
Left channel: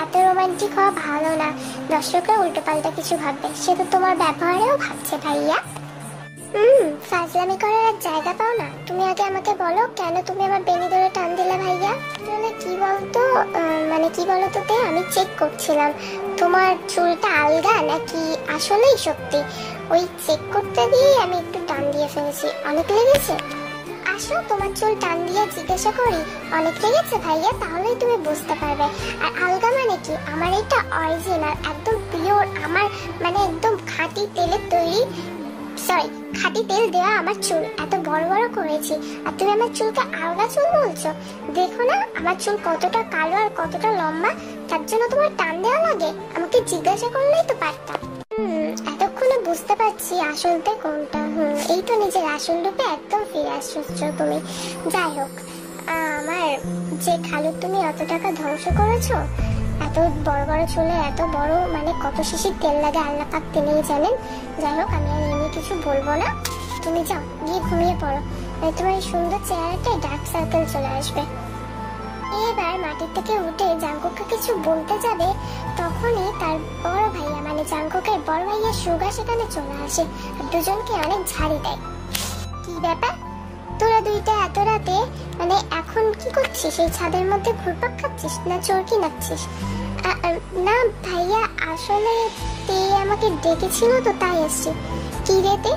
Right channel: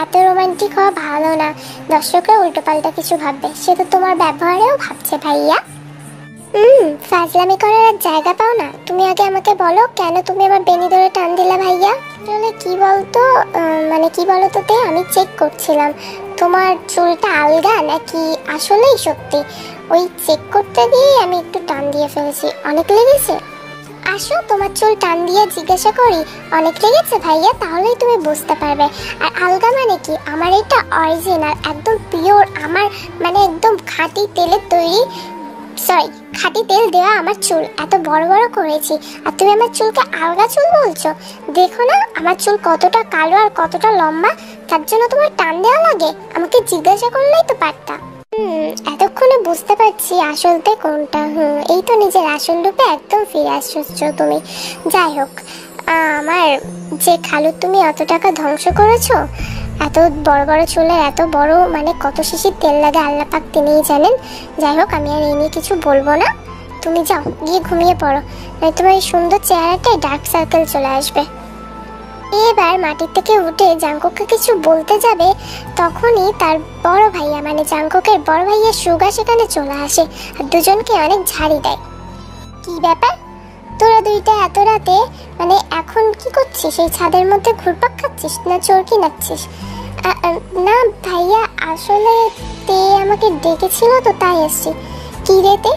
এত রোমান্টিক হওয়া ভালো না, দর্শকরা উল্টো পাল্টা কিছু ভাববে, সে তো তোমার ব্যবহারেও ভাবছে ভাইয়া। ফাজলামি করার আর জায়গা পাও না। তুমি আগে আমাকে বলো কেন তুমি আমার বেনি ধরে টান দিলে ভাইয়া? আসলে কি বলতো, মানে কি বলতো তে, আমি চেক করছিলাম তোমার চুলটা আলগা নাকি আসলেই সত্যি। ওই চেক করতে গিয়ে আমি একটু টান দিয়ে ফেলেছি। অনেক লেগেছে? আসো তোমার চুল টান দিয়ে জিজ্ঞাসা করি। অনেক লেগেছে ভাইয়া? তাহলেই তুমি বুঝতে পারবে। আর আলগা মানে কি, আমার এটা অরিজিনাল, একদম পিওর, আমার মানে একদম খাঁটি তেলের তৈরি, সরি খাঁটি তেল দেওয়া আমার চুল, এত বড় বড় করেছি, আর তুমি আমার চুলকে আলগা চুল বলছো? দেখো না আমার চুল কতটা কালো আর কতটা লম্বা, তার জন্য তোমার টান দেওয়া লাগে? আমাকে জিজ্ঞাসা করলেই তো পারতাম। এতক্ষণে বুঝতে পারছি আসলতে কোনটা। এই তো নিজের আসল রূপে একদম ফিরে আসছো তুমি। যাই হোক, আমার যে খালু তুমি অত টাকা ধ্বংস করেছো, এত বড় বড় চুলের এত বড় মানে কত শিশির তেল লাগে আল্লাহ পাক তিনিই জানেন। যাই হোক, আমি আর এই নিয়ে কিছু বলবো না, তুমি যাও গিয়ে ঘুমিয়ে পড়ো, তোমার এই সুন্দর চেহারাটায় ডার্ক সার্কেল চলে আসবে। এবার মাটির থেকে উঠে জাঙ্কুককে কিছু বলতে যাবে, তখনই তার বড় ভাইয়া মানে জাঙ্কুকের বড় ভাইয়া সুগা সেখানে চলে আসে আর দুজনকে অনেক ঝাড়ি দেয়। কি ব্যাপার, তোরা দুইটা এত রাতে মানে এখন কি করছিস? এই ছাদের মধ্যে ঘুরপাক খাচ্ছিস না চরকি নাচ্ছিস? না ভাইয়া, আসলে তে আমাকে ডেকেছিল তো তাই এসছি। কি রেতে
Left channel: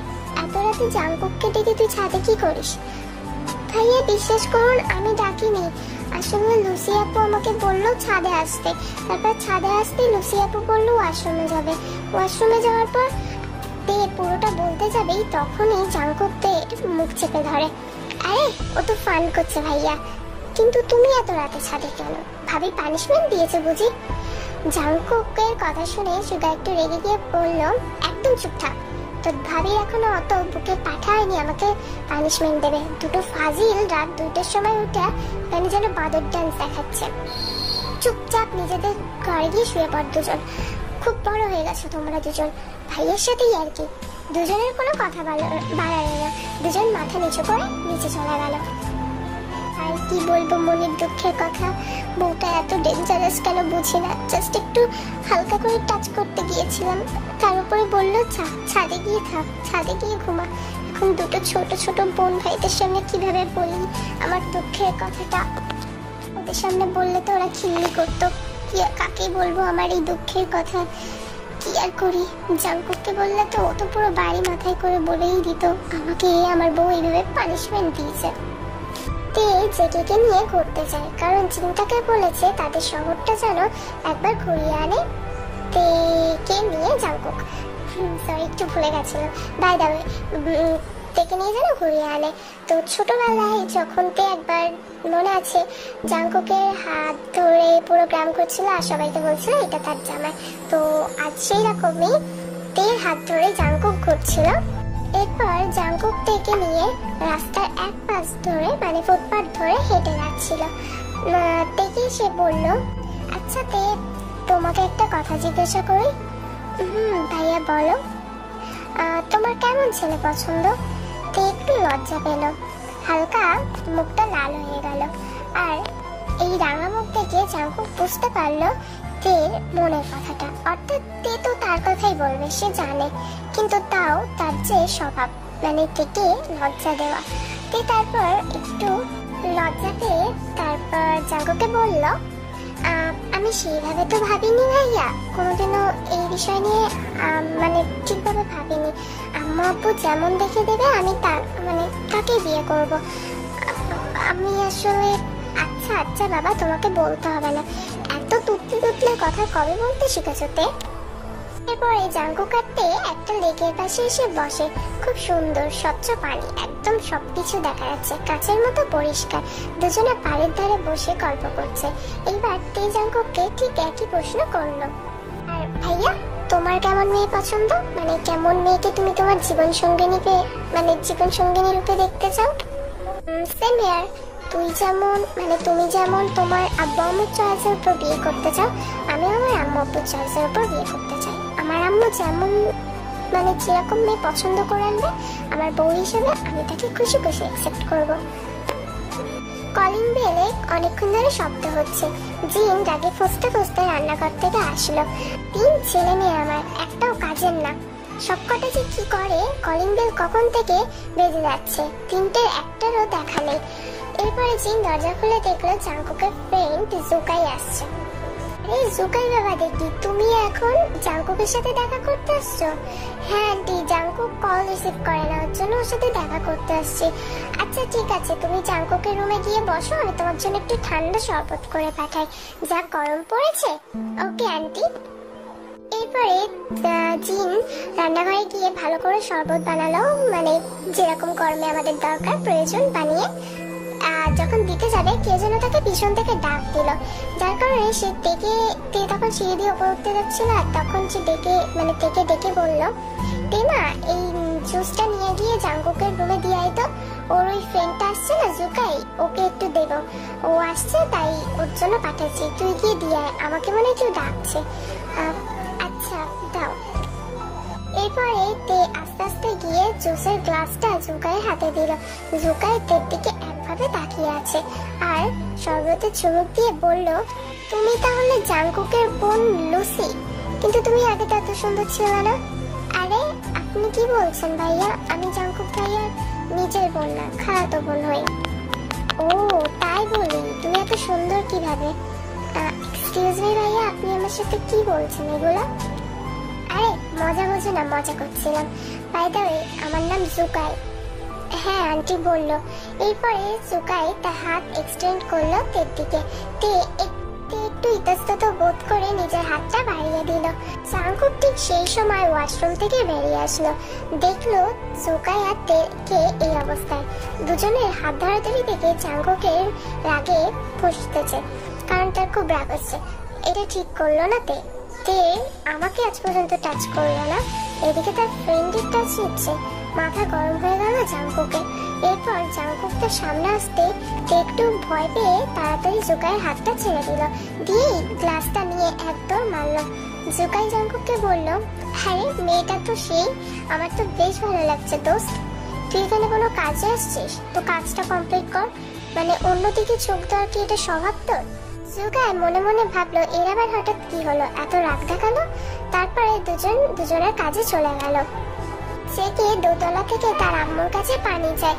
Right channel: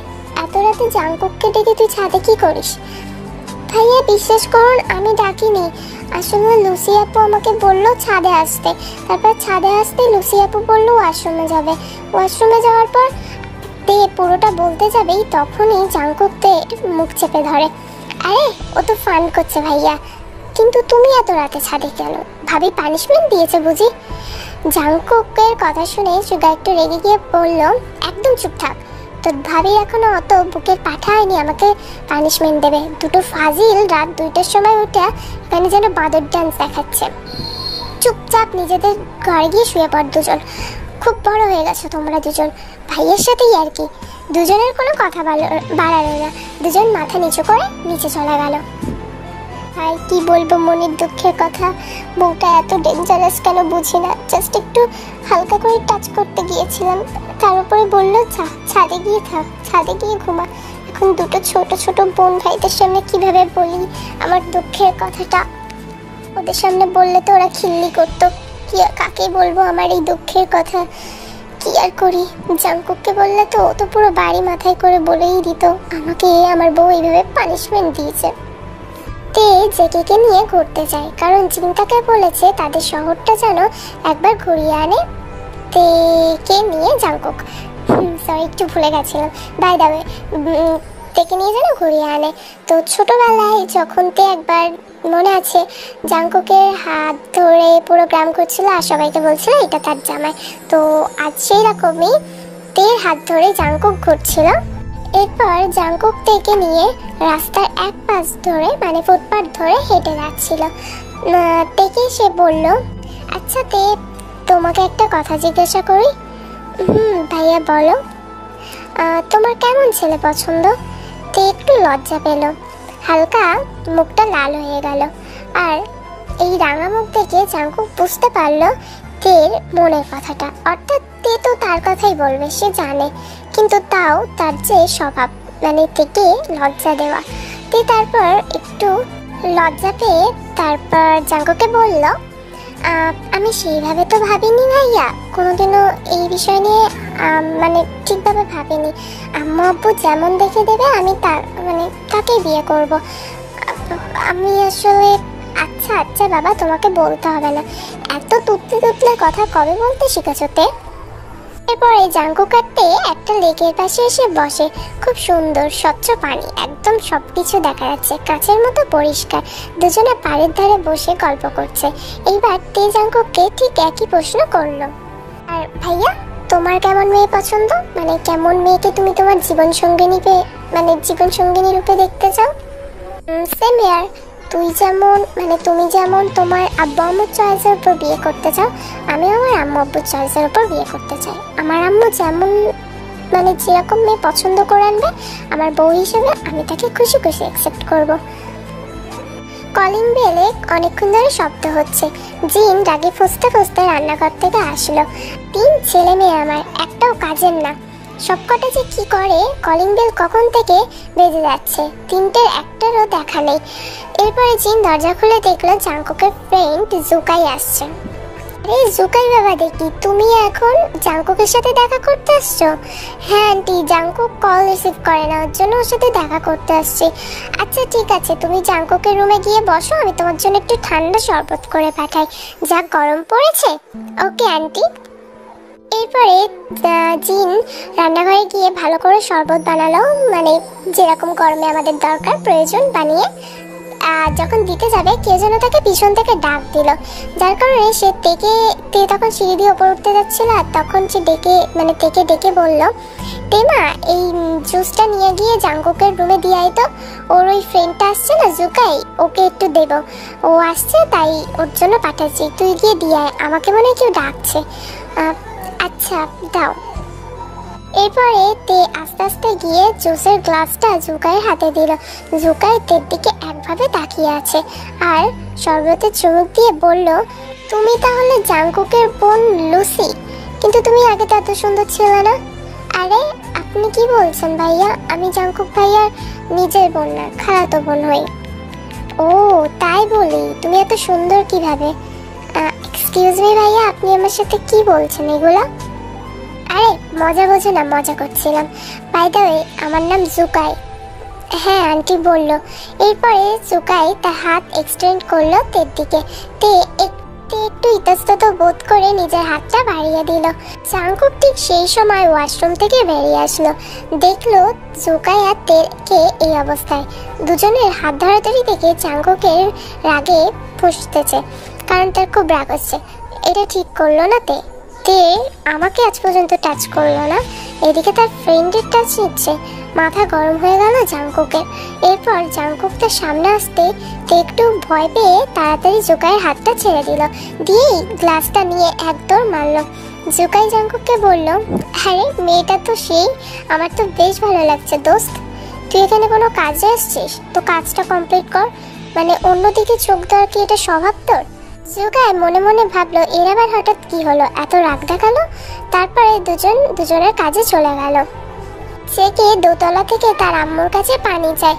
এত রাতে জাঙ্কুককে ডেকে তুই ছাদে কি করিস? ভাইয়া বিশ্বাস করুন, আমি ডাকিনি। আসলে লুসি আপু আমাকে বললো ছাদে আসতে, তারপর ছাদে আসতে লুসি আপু বললো ওয়াশরুমে যাবে। ওয়াশরুমে যাওয়ার পর তে পুরোটা বলতে যাবেই তখনই জাঙ্কুক তে মুখ চেপে ধরে। আরে ও তো ফান করছে ভাইয়া, কিন্তু তুমি এত রাতে ছাদে কেন? ভাবি পানিশমেন্ট দিয়েছে বুঝি? জাঙ্কুকের কথা শুনে সুগা একটু রেগে গিয়ে বলল, একদম চুপ থাক, তোর ভাবি এখনো অত বুকে পাঠায়নি আমাকে পানিশমেন্ট দেবে। দুটো ফাজিল রাত 2টার সময় উঠে এখানে যেন বাঁদর ডান্স দেখাচ্ছে। চুপচাপ নিজেদের ঘরে গিয়ে শুয়ে পড় দুজন। খুব বড় হয়ে গেছো তোমরা দুজন, ভাইয়ের সাথেই আর কি। দুজনের কোনো কথা বাড়ালো না, দুজন মাথা নিচু করে নিচে চলে গেল। আর কি বলবো মনের দুঃখের কথা, বউটা এত ডেঞ্জারাস কেন বুঝি না। জাস্ট একটু হালকা করে টাচ করতে গিয়েছিলাম, তার উপরে বললো ছাদে গিয়ে থাক, ছাদে গিয়ে ঘুমা। এখন দুটো ছোট ছোট বোন ভাইদের সামনে কিভাবে বলি আমার দুঃখের কথাটা? ওদের সামনে বললে তো ওরা খিল্লি করতো। কি কাকে বলবো আমার এই দুঃখের কথা? কি আর করি, জাঙ্কুককে বললে তো ও তো পুরো বাড়ি মাথায় করে বলেই দিত আমাকে আমার বউ এইভাবে পানিশমেন্ট দিয়েছে। তে জেকেকে নিয়ে ঘুরতে যায়, কারণ চিন্তাকে বলেছে তাদের শহরটা যেন একবার ঘুরিয়ে আনে তেকে নিয়ে। জাঙ্কুক সরি একটু ভুলে গেছিলাম, বাই দ্য ওয়ে, তেকে নিয়ে যেন ঘুরিয়ে আনে। তো ছোটবেলায় যখন তে একবার মনে আছে জাঙ্কুকের হাত ধরে পুরো গ্রাম করছিল আর সবাইকে বলছিল এটা তার জামাই। তো আজ সেই রকমই তের হাত ধরে জাঙ্কুক ঘুরছিল। এরপর জাঙ্কুক তেকে নিয়ে রাস্তার এক পাশ ধরে মানে ফুটপাথ ধরে হেঁটে যাচ্ছিল। তেকে সে বলল, আচ্ছা তে, তোমাকে একটা কথা জিজ্ঞাসা করি? ভাইয়া বলো। তোমার কেমন ছেলে পছন্দ? তে একটু লজ্জা পেল, হালকা মুখটা লাল হয়ে গেল। আর এই রাঙা মুখ দেখে জাঙ্কুক বুঝতে পারলো তের মনের কথাটা, অর্থাৎ তে তো তার কথাই বলবে সে জানে, কিন্তু তাও তার যে স্বভাব মানে তেকে লজ্জা দেওয়া। তে তারপর একটু লজ্জা পেয়ে তারপর জাঙ্কুকে বলল, আমি সেইভাবে তো ভাবিনি ভাইয়া, কোনোদিনও এই বিষয় নিয়ে মানে ঠিকভাবে ভাবিনি। আম্মু আব্বু যেমন দেখে দেবে আমি তার মানে তাকেই বিয়ে করব। আমি আসলে আচ্ছা আচ্ছা বাবা, তোমাকে বলতে হবে না, এত তুতলে কথা কবে বলতে শিখেছো তে? এরপরে জাঙ্কুক কাটতে একটা লেকের পাশে এসে বসে। খুব সুন্দর স্বচ্ছ পানি, একদম সবকিছু দেখা যাচ্ছে কাচের মতো পরিষ্কার। দুজনে পাড়ের ধারে বসে গল্প করছে। এইবার তে জাঙ্কুককে ঠিক একই প্রশ্ন করলো, আর ভাইয়া তোমার কেমন মেয়ে পছন্দ? মানে কেমন মেয়েকে তুমি তোমার জীবন সঙ্গিনী মানে জীবন সঙ্গিনী রূপে দেখতে চাও? সেম হেয়ার, তুমি যেমন তোমার আব্বু আম্মুর চয়েসের উপর বিয়ে করতে চাও, আমি আমার আম্মু আব্বুর চয়েসের উপর বিয়ে করতে চাই। আমার আম্মু যেমন মানে যেরকম মেয়ে পছন্দ করে আনবে আমার বউ হিসেবে আমি তাকে খুশি খুশি অ্যাকসেপ্ট করব। কলিং বেলে অনেকক্ষণ ধরে শব্দ হচ্ছে। জিন রাগে ফুসতে ফুসতে রান্নাঘর থেকে আসলো। 3 ছেলে মেয়ে আমার, একটাও কাজের না। সবকটা যে কি করে, কলিং বেল কখন থেকে বেজে যাচ্ছে, 3টের একটারও দেখা নেই। এরপরে জিন দরজা খুলে দেখলো জাঙ্কুকের ফ্রেন্ড জুকাই আসছে। আরে জুকাই বাবা, দেখি তুমি এখন জাঙ্কুকের সাথে দেখা করতে আসছো? হ্যাঁ আন্টি, জাঙ্কুক কল রিসিভ করে না, ওর জন্য ওর সাথে দেখা করতে আসছি। আচ্ছা ঠিক আছে, তুমি জাঙ্কুকের রুমে গিয়ে বসো, আমি তোমার জন্য একটু ঠান্ডা শরবত করে পাঠাই, যা গরম পড়েছে। Okay aunty. এরপরে জিন রান্নাঘরে গিয়ে ভালো করে শরবত বানালো, মানে যেরকম গরমে আমাদের দরকার প্রয়োজন বানিয়ে। যখন দিতে যাবে কেউ যেন তাকে পিছন থেকে ডাক দিল, যার কারণে সে তে তখন সিঁড়ি দিয়ে ওপর উঠতে যাচ্ছিল। আর তখন সে তেকে ডেকে বলল, তেমা এই জুসটা নিয়ে গিয়ে জাঙ্কুকের রুমে দিয়ে আয় তো, ওর ওই ফ্রেন্ডটা আসছে না জুকাই, ওকে একটু দেব, ও আসছে তাই ওর জন্য পাঠাচ্ছি, তুই গিয়ে দিয়ে আয়, আমাকে মনে হয় কেউ ডাকছে। আচ্ছা দাও। এরপরে তে আস্তে আস্তে গিয়ে জুসের গ্লাসটা জুকাইয়ের হাতে দিল। জুকাই তের দিকে একভাবে তাকিয়ে আছে আর শরবতে চুমুক দিয়ে বলল, তুমি তাহলে জাঙ্কুকের বোন লুসি, কিন্তু তুমি আগে তো এত সুন্দর ছিলে না। আরে আপনি কি বলছেন ভাইয়া, আমি জাঙ্কুক ভাইয়ার নিজের বোন না, খালাতো বোন হই। ও তাই বলি, তুমি এত সুন্দর কিভাবে? এক্সকিউজ মি ভাইয়া, আপনি আমার সাথে কি বলছেন এগুলো? আরে মজা বোঝো না, মজা করছিলাম। বাই দ্য ওয়ে, আমার নাম জুকাই। হ্যাঁ আন্টি বলল। এরপরে জুকাই তার হাত এক্সটেন্ড করলো তের দিকে। তে একটু ইতস্তত বোধ করে নিজের হাতটা বাড়িয়ে দিল। জাংকুক ঠিক সেই সময় ওয়াশরুম থেকে বেরিয়ে আসলো। দেখলো জুকাই আর তেকে এই অবস্থায়। দুজনের হাত ধরাধরি দেখে জাংকুকের রাগে ফুঁসতেছে, কারণ তার খুব রাগ হচ্ছে। এটা ঠিক করলো না তে। তে আমাকে আজ পর্যন্ত টাচ করলো না, এদিকে তার ফ্রেন্ডের টাচ নিচ্ছে। মাথা গরম হয়ে গেল জাংকুকের। এরপর জাংকুক তার সামনে আসতে তে একটু ভয় পেয়ে তাড়াতাড়ি জুকাইয়ের হাতটা ছেড়ে দিল, দিয়েই গ্লাসটা নিয়ে একদম মারলো। জুকাই জাংকুককে বলল, আরে মেয়েটা তো সেই, আমার তো বেশ ভালো লাগছে দোস্ত। তুই এখানে কোনো কাজে আসছিস, তো কাজটা কমপ্লিট কর, মানে অন্যদিকে চোখ দেওয়ার কি এটা স্বভাব তোর? জুকাই মনে মনে ভাবলো এর আবার হঠাৎ কি হলো, এত রাগ দেখালো। তারপরে দুজনের কাজে চলে গেল। সে কে দোতলা থেকে তার আম্মুর কাছে পানি চায়।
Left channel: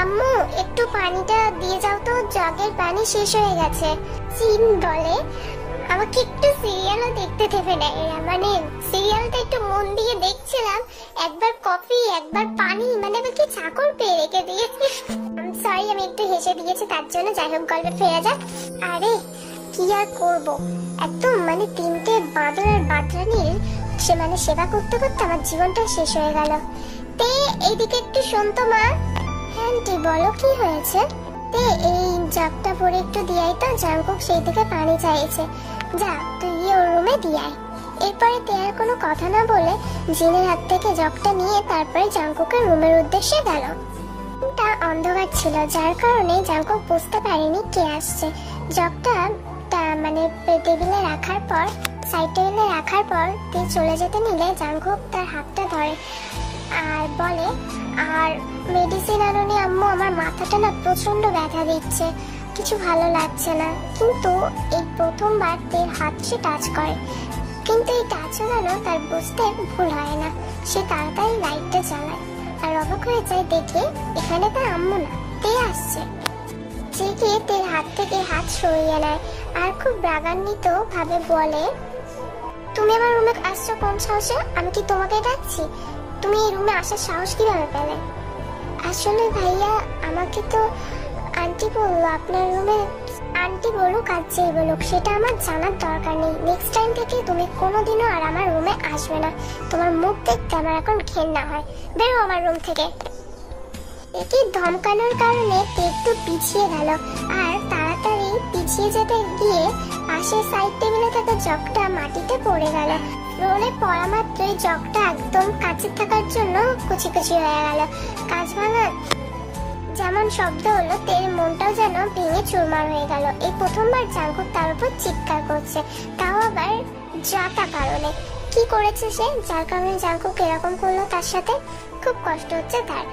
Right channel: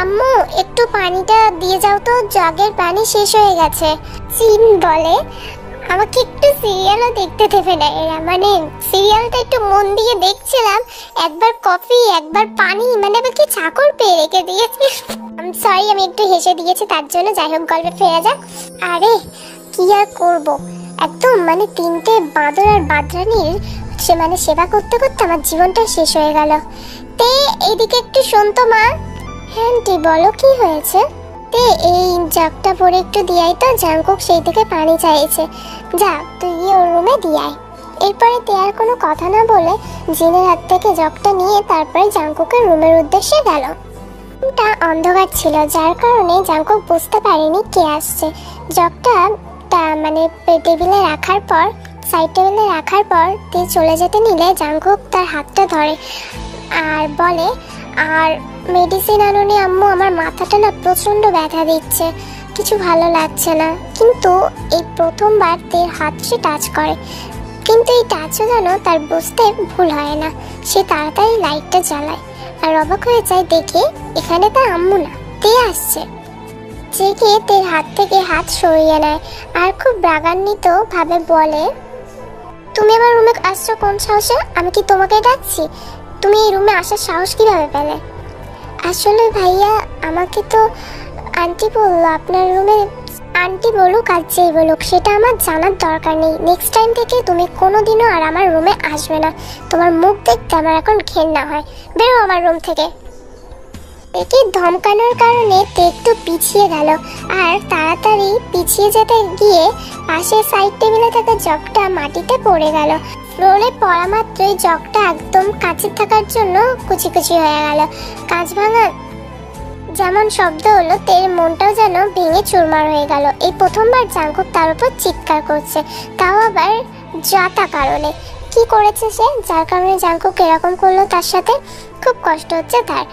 আম্মু একটু পানিটা দিয়ে যাও তো, জগের পানি শেষ হয়ে গেছে। চিন বলে, আমাকে একটু সিরিয়ালও দেখতে দেবে না এরা, মানে সিরিয়ালটা একটু মন দিয়ে দেখছিলাম, একবার কফি একবার পানি, মানে আবার কি চাকর পেয়ে রেখে দিয়েছি। আমি সরি, আমি একটু হেসে দিয়েছি তার জন্য। যাই হোক, গল্পে ফেরা যাক। আরে কি আর করব, একদম মানে তিনটে বাঁদর আর বাঁদরানির সে মানে সেবা করতে করতে আমার জীবনটা শেষ হয়ে গেল। তে এদিকে একটু শোন তো মা। হ্যাঁ আন্টি বলো, কি হয়েছে? তে এই জগটা পরে একটু দিয়াই তো, জাংকুক সেই থেকে পানি চাইছে। যা তুই গিয়ে ওর রুমে দিয়াই। এরপরে তে আর কোনো কথা না বলে জিনের হাত থেকে জগটা নিয়ে তারপরে জাংকুকের রুমের উদ্দেশ্যে গেল। রুমটা অন্ধকার ছিল, যার কারণে জাংকুক বুঝতে পারেনি কে আসছে। জগটা মানে টেবিলে রাখার পর, সাইড টেবিলে রাখার পর তে চলে যেতে নিলে জাংকুক তার হাতটা ধরে আর বলে, আর মেডিসিন আনুনি আম্মু, আমার মাথাটা না প্রচন্ড ব্যথা দিচ্ছে, কিছু ভালো লাগছে না। কিন্তু এই প্রথমবার তের হাত সে টাচ করে, কিন্তু এই টাচও যেন তার বুঝতে ভুল হয় না। সে তাড়াতাড়ি লাইটটা জ্বালায় আর অবাক হয়ে যায় দেখে এখানে তার আম্মু না, তে আসছে। জেগে তের হাত থেকে হাত সরিয়ে নেয় আর খুব রাগান্বিত ভাবে বলে, তুমি আমার রুমে আসছো কোন সাহসে? আমি কি তোমাকে ডাকছি? তুমি এই রুমে আসার সাহস কিভাবে পেলে? আসলে ভাইয়া, আমাকে তো আন্টি বললো আপনার রুমে। আন্টি বলুক আর যেই বলুক, সেটা আমার জানার দরকার নেই। নেক্সট টাইম থেকে তুমি কোনোদিনও আর আমার রুমে আসবে না। তোমার মুখ দেখতে আমার এখন ঘেন্না হয়, বেরো আমার রুম থেকে। একে ধমকানোর কারণে তে একটু পিছিয়ে গেল, আর তাড়াতাড়ি পিছিয়ে যেতে গিয়ে পাশের সাইড টেবিলে থাকা জগটা মাটিতে পড়ে গেল। ফ্লোরে পড়া মাত্রই জগটা একদম কাছে থাকার জন্য কুচি কুচি হয়ে গেল। কাঁচ ভাঙার যেমন শব্দ হলো, তের মনটাও যেন ভেঙে চুরমার হয়ে গেল। এই প্রথমবার জাংকুক তার উপর চিৎকার করছে, তাও আবার যাতা কারণে। কি করেছে সে, যার কারণে জাংকুক এরকম করলো তার সাথে? খুব কষ্ট হচ্ছে তার,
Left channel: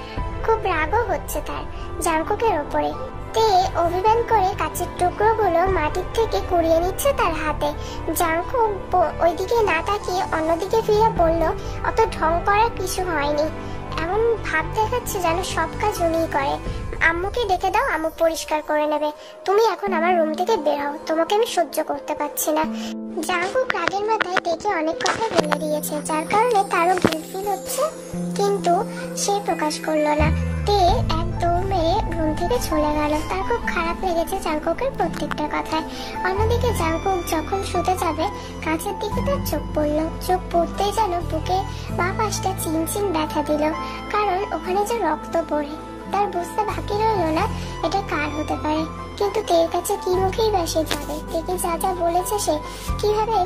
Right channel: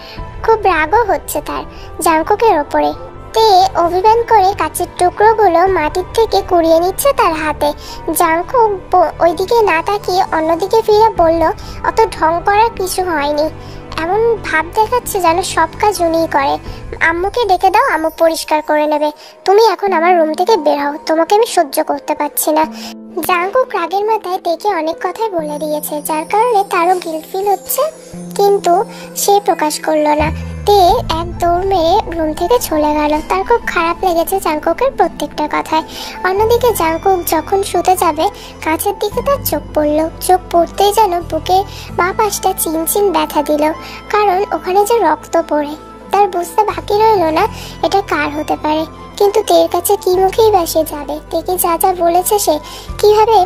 খুব রাগও হচ্ছে তার জাংকুকের ওপরে। তে অভিমান করে কাচের টুকরোগুলো মাটির থেকে কুড়িয়ে নিচ্ছে তার হাতে। জাংকুক ওইদিকে না তাকিয়ে অন্যদিকে ফিরে বলল, অত ঢং করার কিছু হয়নি। এমন ভাব দেখাচ্ছে যেন সব কাজ উনিই করে। আম্মুকে ডেকে দাও, আম্মু পরিষ্কার করে নেবে। তুমি এখন আমার রুম থেকে বের হও, তোমাকে আমি সহ্য করতে পারছি না। জাংকুক রাগের মাথায় তেকে অনেক কথাই বলে দিয়েছে, যার কারণে তারও গিল্ট ফিল হচ্ছে, কিন্তু সে প্রকাশ করলো না। তে এক দৌড় মেরে রুম থেকে চলে গেল। তার খুব খারাপ লেগেছে জাংকুকের প্রত্যেকটা কথায়। অন্যদিকে জাংকুক যখন শুতে যাবে, কাছের দিকে তার চোখ পড়লো। চোখ পড়তেই যেন বুকে বা পাশটা চিনচিন ব্যথা দিল, কারণ ওখানে যে রক্ত পড়ে। তার বুঝতে বাকি রইল না এটা কার হতে পারে, কিন্তু তের কাছে কি মুখেই বা সে যাবে? তেকে যা যা বলেছে সে, কিভাবে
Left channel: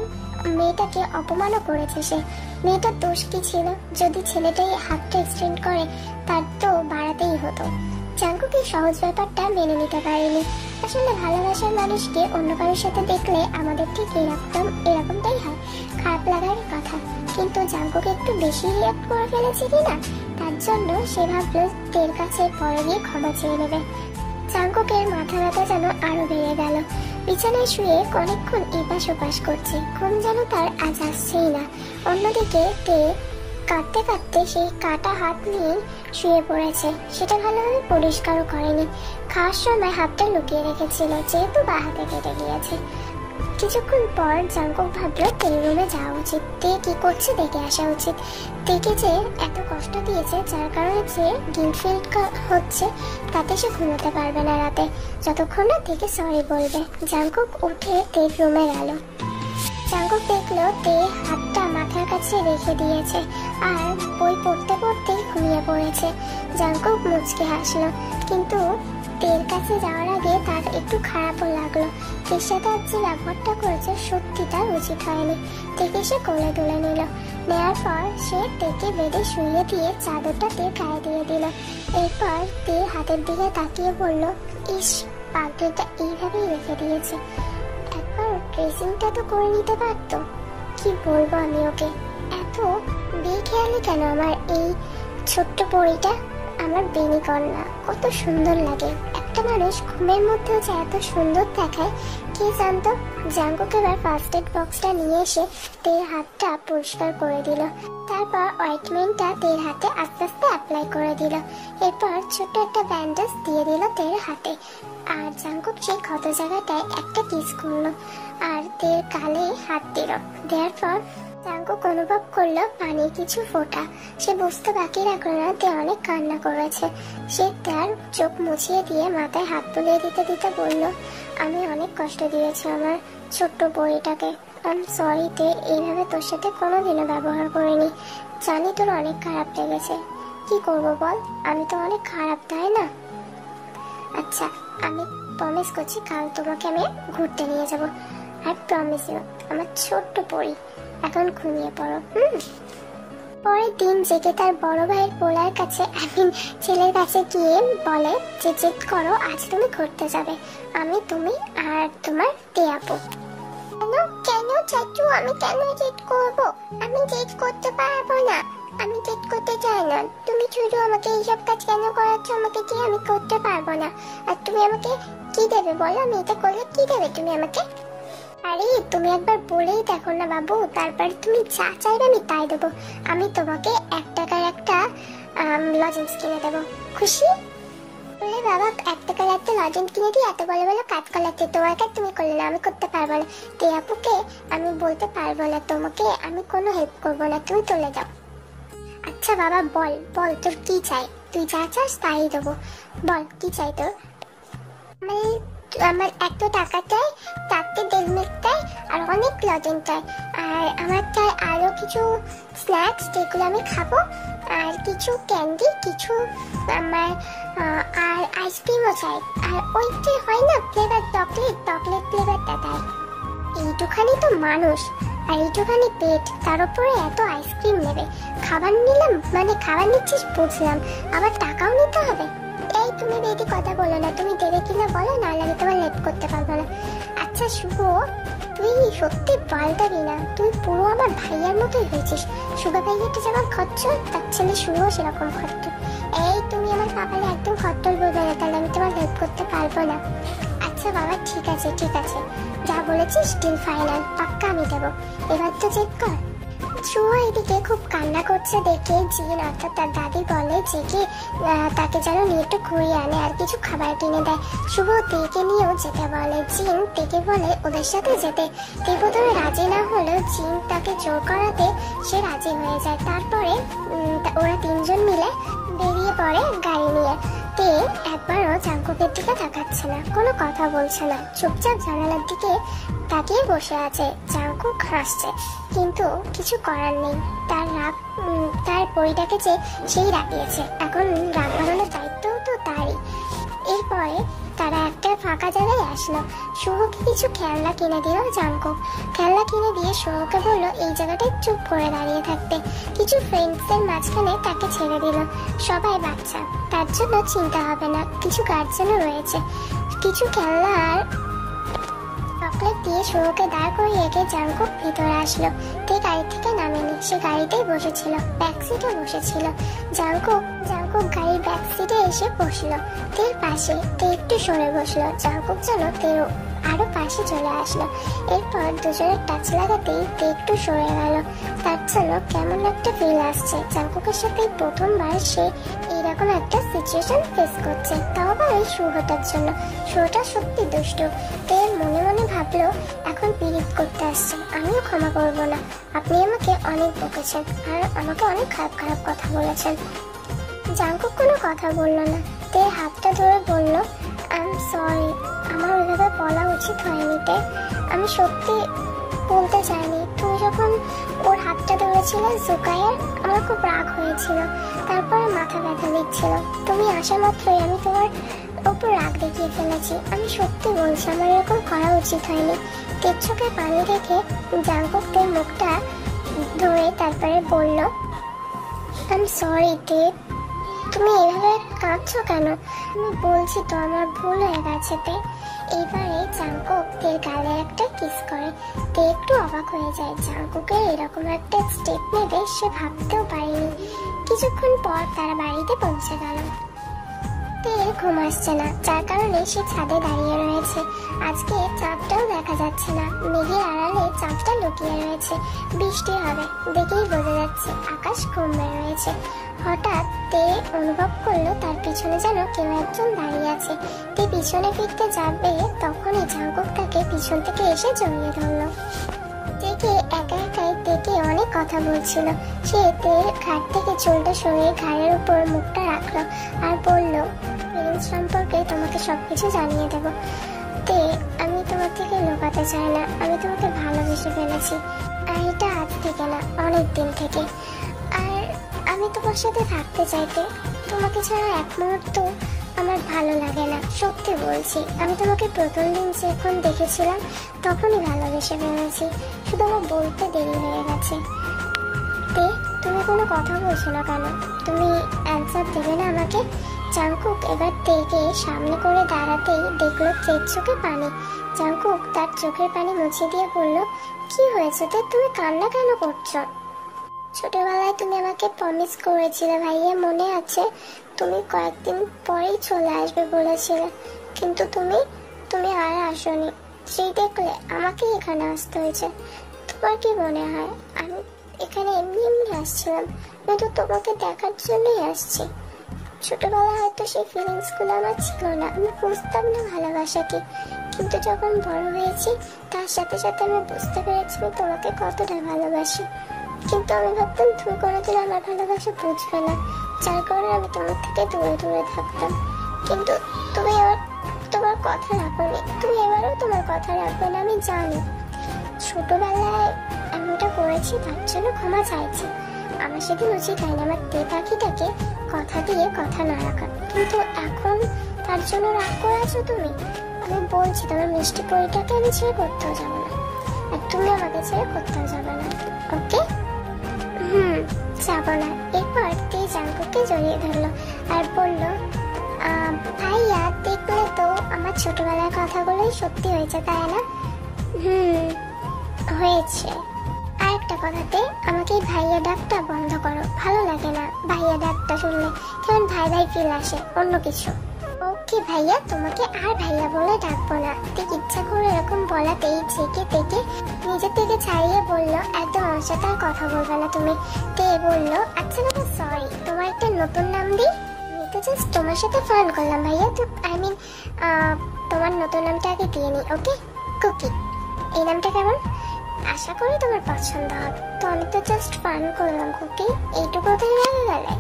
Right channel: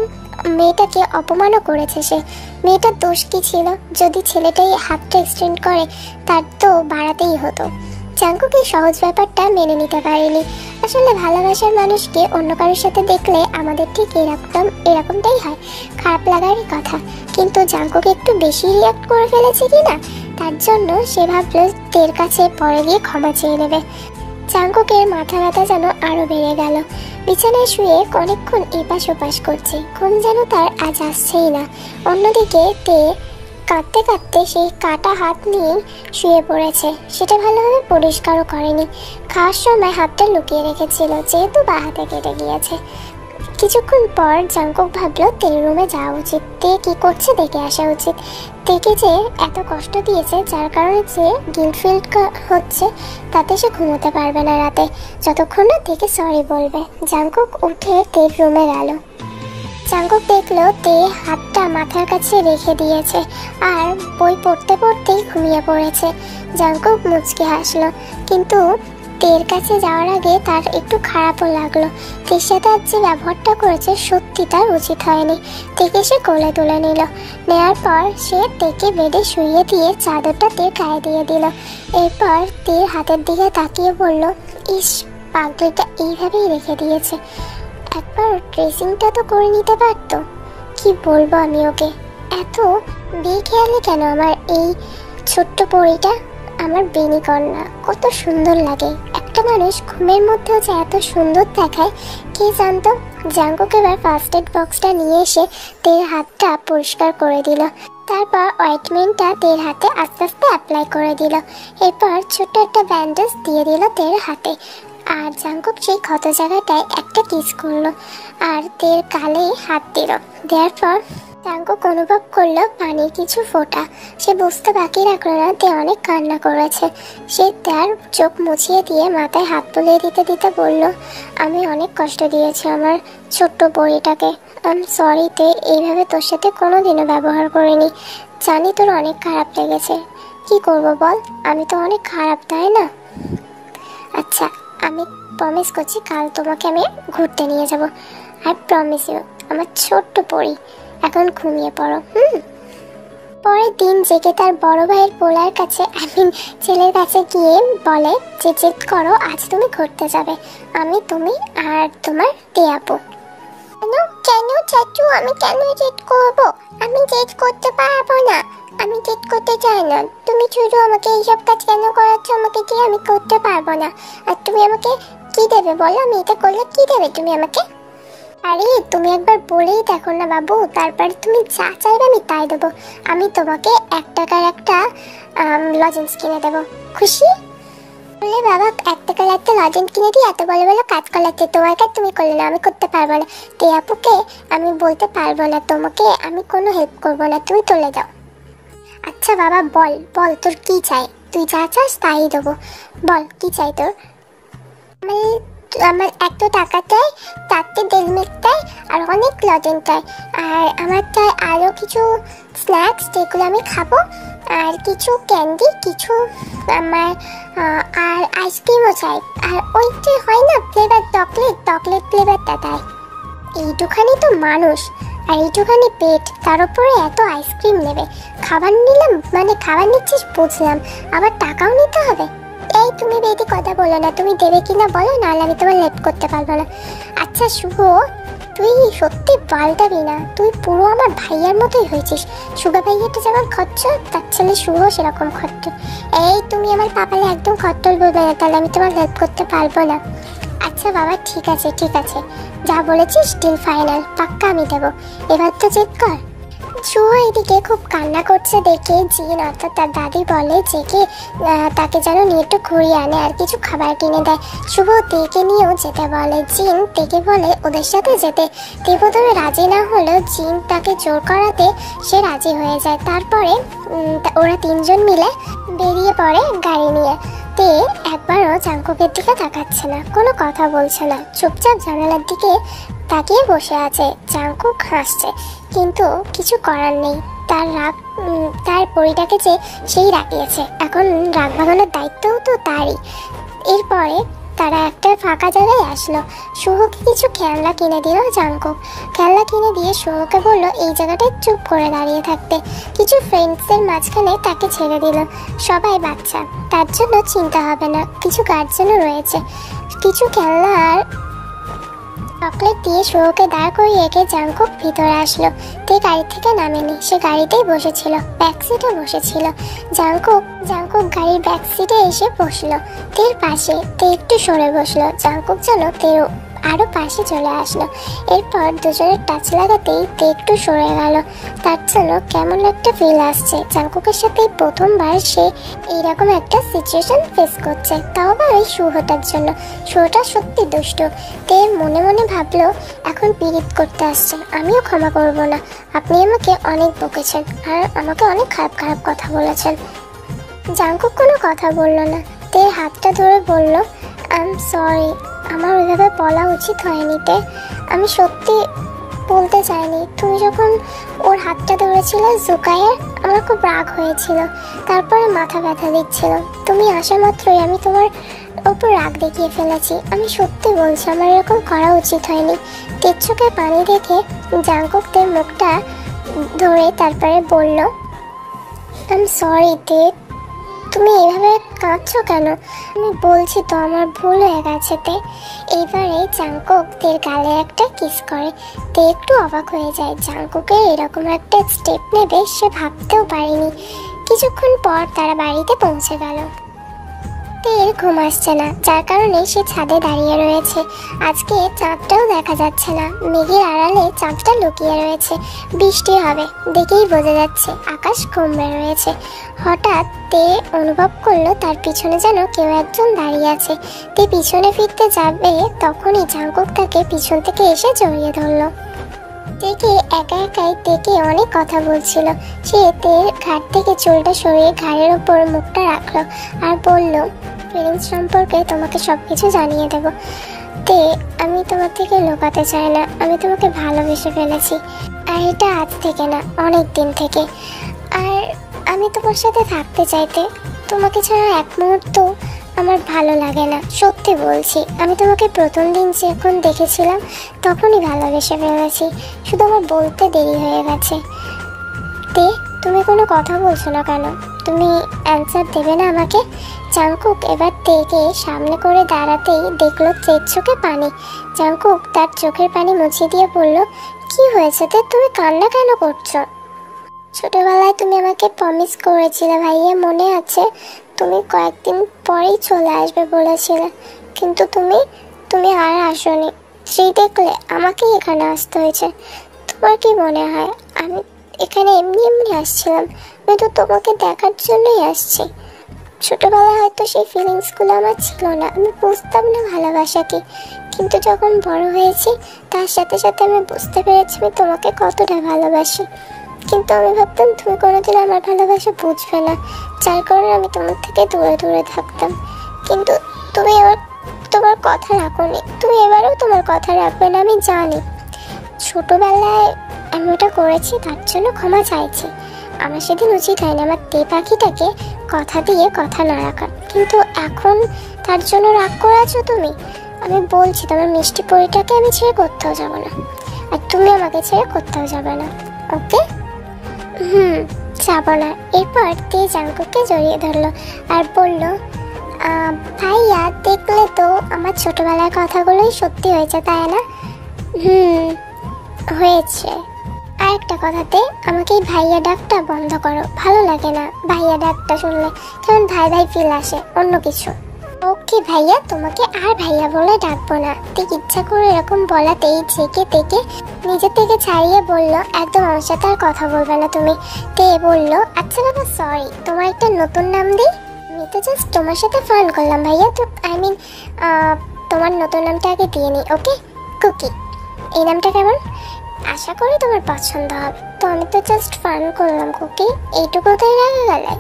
মেয়েটাকে অপমানও করেছে সে। মেয়েটার দোষ কি ছিল? যদি ছেলেটাই হাতটা এক্সটেন্ড করে, তার তো বাড়াতেই হতো। জাংকুক এই সহজ ব্যাপারটা মেনে নিতে পারেনি। আসলে ভালোবাসার মানুষকে অন্য কারোর সাথে দেখলে আমাদের ঠিক এরকমটাই হয়, খারাপ লাগারই কথা। কিন্তু জাংকুক একটু বেশি রিয়াক্ট করে ফেলেছে কিনা, তার জন্য সে ভাবলো তের কাছে পরে গিয়ে ক্ষমা চেয়ে নেবে। জাংকুকের মাথা ব্যথা যেন আরো বেড়ে গেল। বিছানায় শুয়ে অনেকক্ষণ এপাশ ওপাশ করছে, ঘুম যেন তার আজ আসছেই না। অন্যদিকে তে কাঁদতে কাঁদতে সেই কাটা হাত নিয়ে শুয়ে পড়েছে। সেটা ভালোভাবে পরিষ্কারও করেনি। খাওয়ার সময় হাতটা লুকিয়ে রেখেছিল, যেহেতু বা হাতে কেটে গিয়েছে। কিছুক্ষণ পর জাঙ্কুক ভাবলো তের রুমে যাওয়া উচিত, তে কি করছে দেখে আসা উচিত। তেকে যে এত কষ্ট দিয়েছে, যার কারণে যে গিল্ট ফিল হচ্ছে, তাতে সে ঘুমোতে পারবে না রাতে যতক্ষণ না তেকে সরি বলবে। জাঙ্কুক উঠে তের রুমে গেল। জাঙ্কুক দেখলো তে হাতটা মাথার কাছে রেখে দিয়েছে আর বই পড়তে পড়তেই ঘুমিয়ে পড়েছে। জাঙ্কুক মুচকে হাসলো, কিন্তু তের কাছে যাওয়ার আগে তার একটু খারাপও লাগলো। তের সাথে আজ যে ব্যবহারটা করেছে সত্যি তার উচিত হয়নি। তেকে সে কোলে তুলে নিল। নেওয়ার পর সে তেকে বেডে শুইয়ে দিয়ে চাদরটা তের গায়ে দিয়ে দিল। এরপর তের হাতের দিকে তাকিয়ে বলল, ইস, পাগলিটা এইভাবেই রেখে দিয়েছে, একবার ড্রেসিংটা তো করে নিতে পারতো। কি বলবো আমি ওকে, এত বেখেয়ালি কেন আমার এই ছোট্ট পরীটা। আমার বেনি কন্যা কত সুন্দর লাগে। একটা মানুষ ঘুমের মধ্যেও যে এত সুন্দর দেখায় কে জানতো। জাঙ্কুক এবার ফার্স্ট এড বক্সটা নিয়ে এসে তের হাতটা পরিষ্কার করে দিল। তারপর অয়েন্টমেন্টটা তের হাতে আস্তে আস্তে অ্যাপ্লাই করে দিল। এরপর ছোট্ট একটা ব্যান্ডেজ দিয়ে দিল তের হাতে। আর জাঙ্কুক সেই ক্ষত জায়গাটায় একটা কিস করলো আর তের গালে হাত দিল। দেওয়ার পর জাঙ্কুক অনুভব করলো পানির কিছু ফোঁটা। সে বুঝতে বাকি রাখলো না তে অনেক কান্না করেছে। সে তার চোখ মুছিয়ে দিয়ে মাথায় হাত তুলে দিতে দিতে বলল, আমি অনেক কষ্ট দিয়েছি আমার ছোট্ট পরীটাকে। আই এম সরি তে, এইভাবে তোর সাথে কোনোদিনও ব্যবহার করিনি। জানি তোর অনেক খারাপ লেগেছে, কি করব বল, আমি তো অনেক খারাপ, তাই না? আচ্ছা, আমি প্রমিস করছি কাল তোমাকে আমি ঘুরতে নিয়ে যাব। আই প্রমিস ইউ আমার ছোট্ট পরী। এখন ঘুমিয়ে পড়ো। পরের দিন জেগে তার বড় ভাইয়ের পোলার কাছে, ছেলের কাছে গিয়ে বলে যে জেদ করো, আজ তুমি ঘুরতে যাবে, আমি, তুমি আর তোমার টিয়াপু। কেন চাচু, আমি কেন জেদ করব? আমি জেদ করতে পারবো না, আমি জেদ করতে চাই না। তুমি শুধু আমাকে এইসব কাজ কেন করাচ্ছ আমাকে দিয়ে? আমি করতে পারবো না। আর তুমি আমাকে কি দেবে বলো? আমি এটা করলে কি দেবে তুমি আমাকে? আরে তুমি একবার বলেই দেখো না বাবু, তারপরে তুমি যা চাইবে আমি তাই দেবো। আমি তোমাকে 1 টাকার একটা লজেন্স কিনে দেবো, খুশি? বললে বাবা 1 টাকার একটা লজেন্স কিনে দিই, এত বলে বলে কাজ করলাচ্ছে, তোমার কাজ তুমি করলে না, আমি করতে পারবো না। টিয়াপুকে আমি বলতে পারবো না, তোমাকে আমি কোনো হেল্প করবো না, তুমি চলে যাও। আচ্ছা বাবা বল বল, তোর কি চাই? তুই যা চাস তাই দেবো, বল কি চাই তোর? আমার 1 টাকা চাই, 4টে ডেল মিল্ক চাই, আর অনেক লজেন্স চাই, আর আমার চাই আরও কিছু স্ন্যাক্স যেগুলো আমি খাবো, আর কিছু ক্যান্ডি, কিছু আমার আর আইসক্রিমও চাই, আর ওই যে হয় না ফ্লেভার চকলেট ফ্লেভারটা তাই। এইটুখানি তো মানুষ আর এইটুখানি পেট, তার উপরে এত আইসক্রিম নেবে। খাবার নিলাম মানে খাবার নিচ্ছিস বুঝলাম, আবার টাকাও নিতে হবে? এই তুমি বেশি কথা বলো না, তুমি দেবে কিনা বলো, নাহলে আমি তোমার হেল্প করতে পারবো না। আচ্ছা শুভ, তুই সত্যি পাল্টাবি না, তুই পুরো আমার ভাইয়ার মতোই হয়েছিস। শুভ ভাইয়াটা যেমন খরচ, তার ছেলে শুভ সেরকম খরচ। এই তুমি আমার পাপালে একদম খরচ বলবে না, তাহলে আমি তোমার হেল্প করতে পারবো না। আচ্ছা বাবা ঠিক আছে ঠিক আছে, যা বলেছিস ডিল ফাইনাল, পাক্কা আমি দেবো। এবার তো চেক কর। শুভ এদিকে খুব কান্না করছে দেখে জিন অর্থাৎ তার দাদি বলে জেকে তাকে যেন নিয়ে একটু ঘুরিয়ে আনে আর কিছু খাবার কিনে দেয়। শুভ তেকে নিয়েও যেতে বলে। জিন তেকে বলে ওদের সাথে যেতে। তে প্রথমে রাজি না হলেও জিন তাকে জোর করাতে সে রাজি হয়ে যায়। তারপরে ওরা 3 জন মিলে বেরিয়ে পড়ে গাড়ি নিয়ে। তে একবারও জাঙ্কুকের দিকে তাকাচ্ছে না, কোনো কথা বলছে না, চুপচাপ জানালার দিকে তাকিয়ে বসে আছে। জাঙ্কুক হাসছে, কিন্তু কিছু করার নেই, তার রাগ তার পরিটাকে যে সেই রাগিয়েছে, এখন রাগ ভাগানোর দায়িত্বও তো তারই। এরপরে তারা একটা ফাঁকা জায়গায় আসলো। শুভকে কিছু খেলনা কিনে দিল জাঙ্কুক। খেলনা কিনে দিয়ে শুভকে বললো এই জায়গাটায় চুপ করে দাঁড়িয়ে থাকতে। কিছু ফ্রেন্ডসের মাঝখানে তাকে ছেড়ে দিল। সবাই বাচ্চা, তার জন্য চিন্তা হবে না, কিছু গার্জেনও রয়েছে। কিছু খেলনা আর চকলেট দিয়ে শুভকে দাঁড় করিয়ে রেখে জাঙ্কুক ভিতরে আসলো। তে গাড়ি থেকে নামেনি, সে গাড়িতেই বসেছিল, ব্যাক সিটে বসেছিল। জাঙ্কুক গাড়ির ব্যাক সিটে এসে বসলো তের পাশে। তে একটু সরে বসলো। জাঙ্কুক যেন তের আরো পাশে চলে আসলো। এরপর দুজনের টাচ লাগাতেই তে একটু সরে গেল। তার জন্য কেমন একটা ফিল আসছে। জাংকুকের সাথে প্রথমবার সে এইরকম একটা সিচুয়েশন ফেস করছে, তাও আবার ওই শুভটার জন্য। শুভটা সত্যি দুষ্টু। তে মনে মনে ভাবলো এখন পিরিত করতে আসছে, আমিও ক্ষমা করব না। আপনি আমাকে অনেক বকেছেন আর আমাকে অনেক খারাপ খারাপ কথা বলেছেন। জাংকুক কোনো কথা বলল না। তে হাতটা ধরে বলল, আই এম সরি, আমার ওইভাবে বলা উচিত হয়নি তে। আমি সত্যি বলতে চাইনি। তুমি যখন ওর হাতটা ধরেছিলে জুকাইয়ের, আমার খুব রাগ হয়েছিল, তারপরে মাথা ব্যথা দিচ্ছিল। তুমি আসা মাত্রই আমি তোমার ওপর রাগ দেখিয়ে ফেলেছি। আমি সত্যি বলছি, আমার এরকম করা উচিত হয়নি। তের চোখে পানি দেখে জাংকুক তের মুখটা ধরে তারপরে বলল, আই এম সরি তে, তুমি এভাবে কাঁদছো কেন? আমি বলছি তো আমার ভুল হয়ে গেছে তে। এইবারে জাংকুক তের গালে একটা কিস করে। তে একটু অবাক হয়ে যায়। জাংকুকের এরকম একটা স্টেপ নেবে সে ভাবতেও পারেনি। কিছুক্ষণ পর তারা বাড়িতে পৌঁছে গেল। তের ঘুম আসছে না, যার কারণে সে ছাদে দাঁড়িয়ে রয়েছে। আজকে চাঁদটাও দেখা যাচ্ছে না, মেঘের আড়ালে চাঁদটা লুকিয়ে রয়েছে। বৃষ্টি হবে দেখেই বোঝা যাচ্ছে, আকাশ কমবে রয়েছে। হঠাৎ তে অনুভব করলো তার পিছনে যেন কেউ একজন দাঁড়িয়ে আছে। তে পিছনে ফিরতে যাবে, তখনই জাংকুক তাকে পিছন থেকে এসে জড়িয়ে ধরলো। তেকে একা একাই তেকে অনেক কথা বলছিল। সে তের ঘাট থেকে চুলটা সরিয়ে ঘাড়ের ওপর মুখটা রাখলো আর বলল, ফিলিংস সম্পর্কে তোমাকে সবকিছু জানিয়ে দেব তে। আমি তোমার থেকে লুকাতে চাই না, আমি তোমাকে ভালোবেসে ফেলেছি। আর এটা আজ থেকে না, অনেক দিন থেকে। আর আমি তোমার সাথে থাকতে চাইতে, তোমাকে ছাড়া এক মুহূর্ত আমার ভালো লাগে না। সত্যি বলছি, আমি তোমাকে প্রথম দিন যখন দেখেছিলাম তখনই ভালোবেসে ফেলেছি, শুধু আমার বলতে দেরি হয়ে গেছে। তে তুমি কোনো কথা বলছো না কেন? তুমি অ্যান্সার দেবে না আমাকে? জাংকুক এবার তেকে সামনে করে দাঁড়াতেই দেখলো তের চোখে পানি। জাংকুক তার চোখের পানি মুছিয়ে দিয়ে বলল, কি হয়েছে তে, তুমি কান্না কেন করছো? ছোটবেলায় তুমি আমাকে প্রমিস করেছিলে ভাইয়া, মনে আছে? তুমি কয়েকদিন পরেই চলে আসবে বলেছিলে, কিন্তু তুমি আর আসোনি। সেই দেখলে আমাকেই এখানে আসতে হয়েছে। তোমার কি মনে হয় আমি এখানে এমনি এমনি আসছিলাম? আমি তো তোমাকে দেখার জন্যই আসছি। ছোটবেলায় হয়তো সেই ফিলিংসগুলো আমার ছিল না, আমি বুঝতাম না ভালোবাসা কি। কিন্তু যখন বড় হয়েছি তার সাথে সাথে আমি বুঝতে পেরেছি আমি তোমাকে কতটা ভালোবাসি। কিন্তু আমি ভাবতাম তুমি কোনোদিন আমার ভালোবাসা বুঝবে না, যার কারণে আমি তোমার থেকে দূরে দূরে থাকতাম। কিন্তু তুমি এবার তোমার কথা রাখোনি, তুমি এবারেও তোমার কথা রাখবে না আমি জানি। ছোটবেলায় আমি ওটা করেছি, তার জন্য ক্ষমা চাইছি। আমার সেদিন উচিত হয়নি আমার তে পাখিটাকে কথা দিয়ে কথা না রাখা, কিন্তু এখন তার জন্য রাগ করে আছো তুমি। আমি বলছি তোমার মিষ্টি পরিটাকে আমি ছেড়ে কোথাও যাবো না, আর তুমি আমাকে ছেড়ে কোথাও যাবে না, ওকে? যাবো না। এরপর তে জাংকুককে জড়িয়ে ধরলো আর বলল, ভাইয়া দেখলে তো আমার ছোটবেলার কথাগুলোই সত্যি হয়েছে, তাই না? হয়েছে। আর একটা কথাতে আমাকে এই ভাইয়া ডাকটা বন্ধ করো, ভালো লাগে না ভাইয়া ডাকটা শুনলে, কেমন ভাই ভাই ফিল আসে, অন্য কিছু। ওকে ভাইয়া, তোমাকে আর ভাইয়া বলে ডাকবো না। ঠিক ইচ্ছা করে এরকম বলাতেই জেকে তেকে নিজের থেকে ছাড়িয়ে বলল, একদম আমার সাথে আর কথা বলবে না তুমি। তে বলল, আচ্ছা বাবা সরি, তোমার একটা নতুন নাম দিই? আমি তো জাস্ট তোমার সাথে ফান করলাম ভাইয়া, তো আই মিন তোমার নতুন নামটা আগে দিয়ে নিই, ওকে? কুকি। এই নামটা কেমন? আশা করি তোমার পছন্দ হবে। তো আমি তো জাস্ট ফান করলাম কুকি, এইটুকুতেই রেগে গেলে?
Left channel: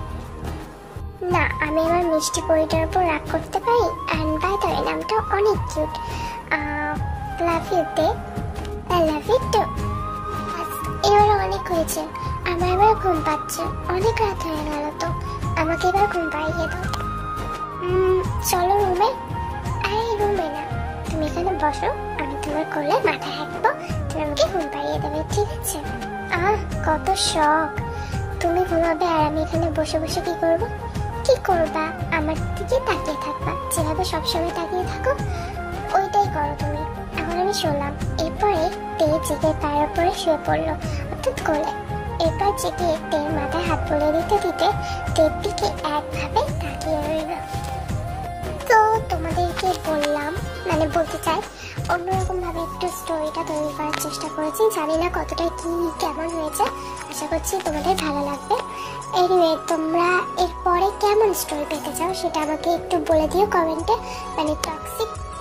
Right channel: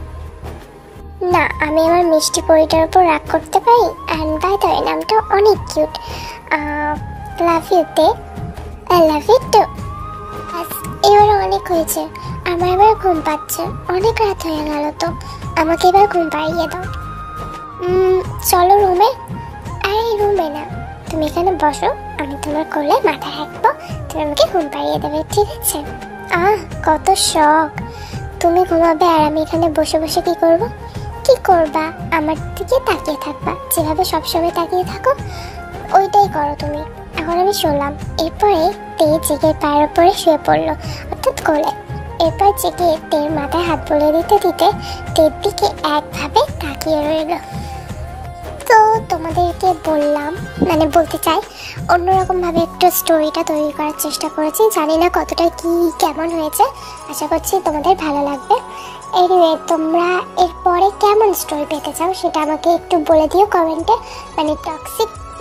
না, আমি আমার মিষ্টি পরিটার উপর রাগ করতে পারি। অ্যান্ড বাই দ্য ওয়ে নামটা অনেক কিউট। লাভ ইউ তে, আই লাভ ইউ টু। এবার অনেক হয়েছে, আমার এবার ঘুম পাচ্ছে, অনেক রাত হয়ে গেল, তো আমাকে এবার ঘুম পাড়িয়ে দাও। চলো রুমে। আরে রুমে না, তুমি এখানে বসো, আমি তোমার কোলে মাথা রাখবো, তুমি আমাকে ঘুম পাড়িয়ে দেবে, ঠিক আছে? কত শখ! তুমি ঘুমাবে আর আমি এখানে বসে বসে কি করবো? কি করবা? আমার দিকে তাকিয়ে থাকবা, যেভাবে সবসময় তাকিয়ে থাকো ওইটাই করো তুমি। এখন আমি শুনলাম। এরপরে তে জেগে পায়ের উপরে শুয়ে পড়লো, অর্থাৎ কোলে। এরপর জেগে তের মাথায় হাত বুলিয়ে দিতে দিতে তের দিকে একভাবে তাকিয়ে রইল। তো তোমাদেরকে বললাম, মানে বলতে চাই অন্যরকমভাবে একটু স্টোরিটা তৈরি করার চেষ্টা করেছি। জানি না কতটা কি কেমন হয়েছে, আশা করছি তোমাদের ভালো লাগবে। এনিওয়ে, তোমরা এরপরে কেমন স্টোরি পেতে চাও সেটা আমাকে একটু বলে দিও কমেন্টে।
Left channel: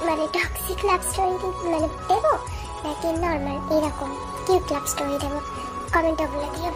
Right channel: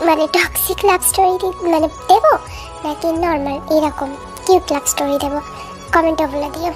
মানে টক্সিক লাভ স্টোরি মানে দেবো, নাকি নর্মাল এরকম কিউট লাভ স্টোরি দেবো, কমেন্টে বলে দিও।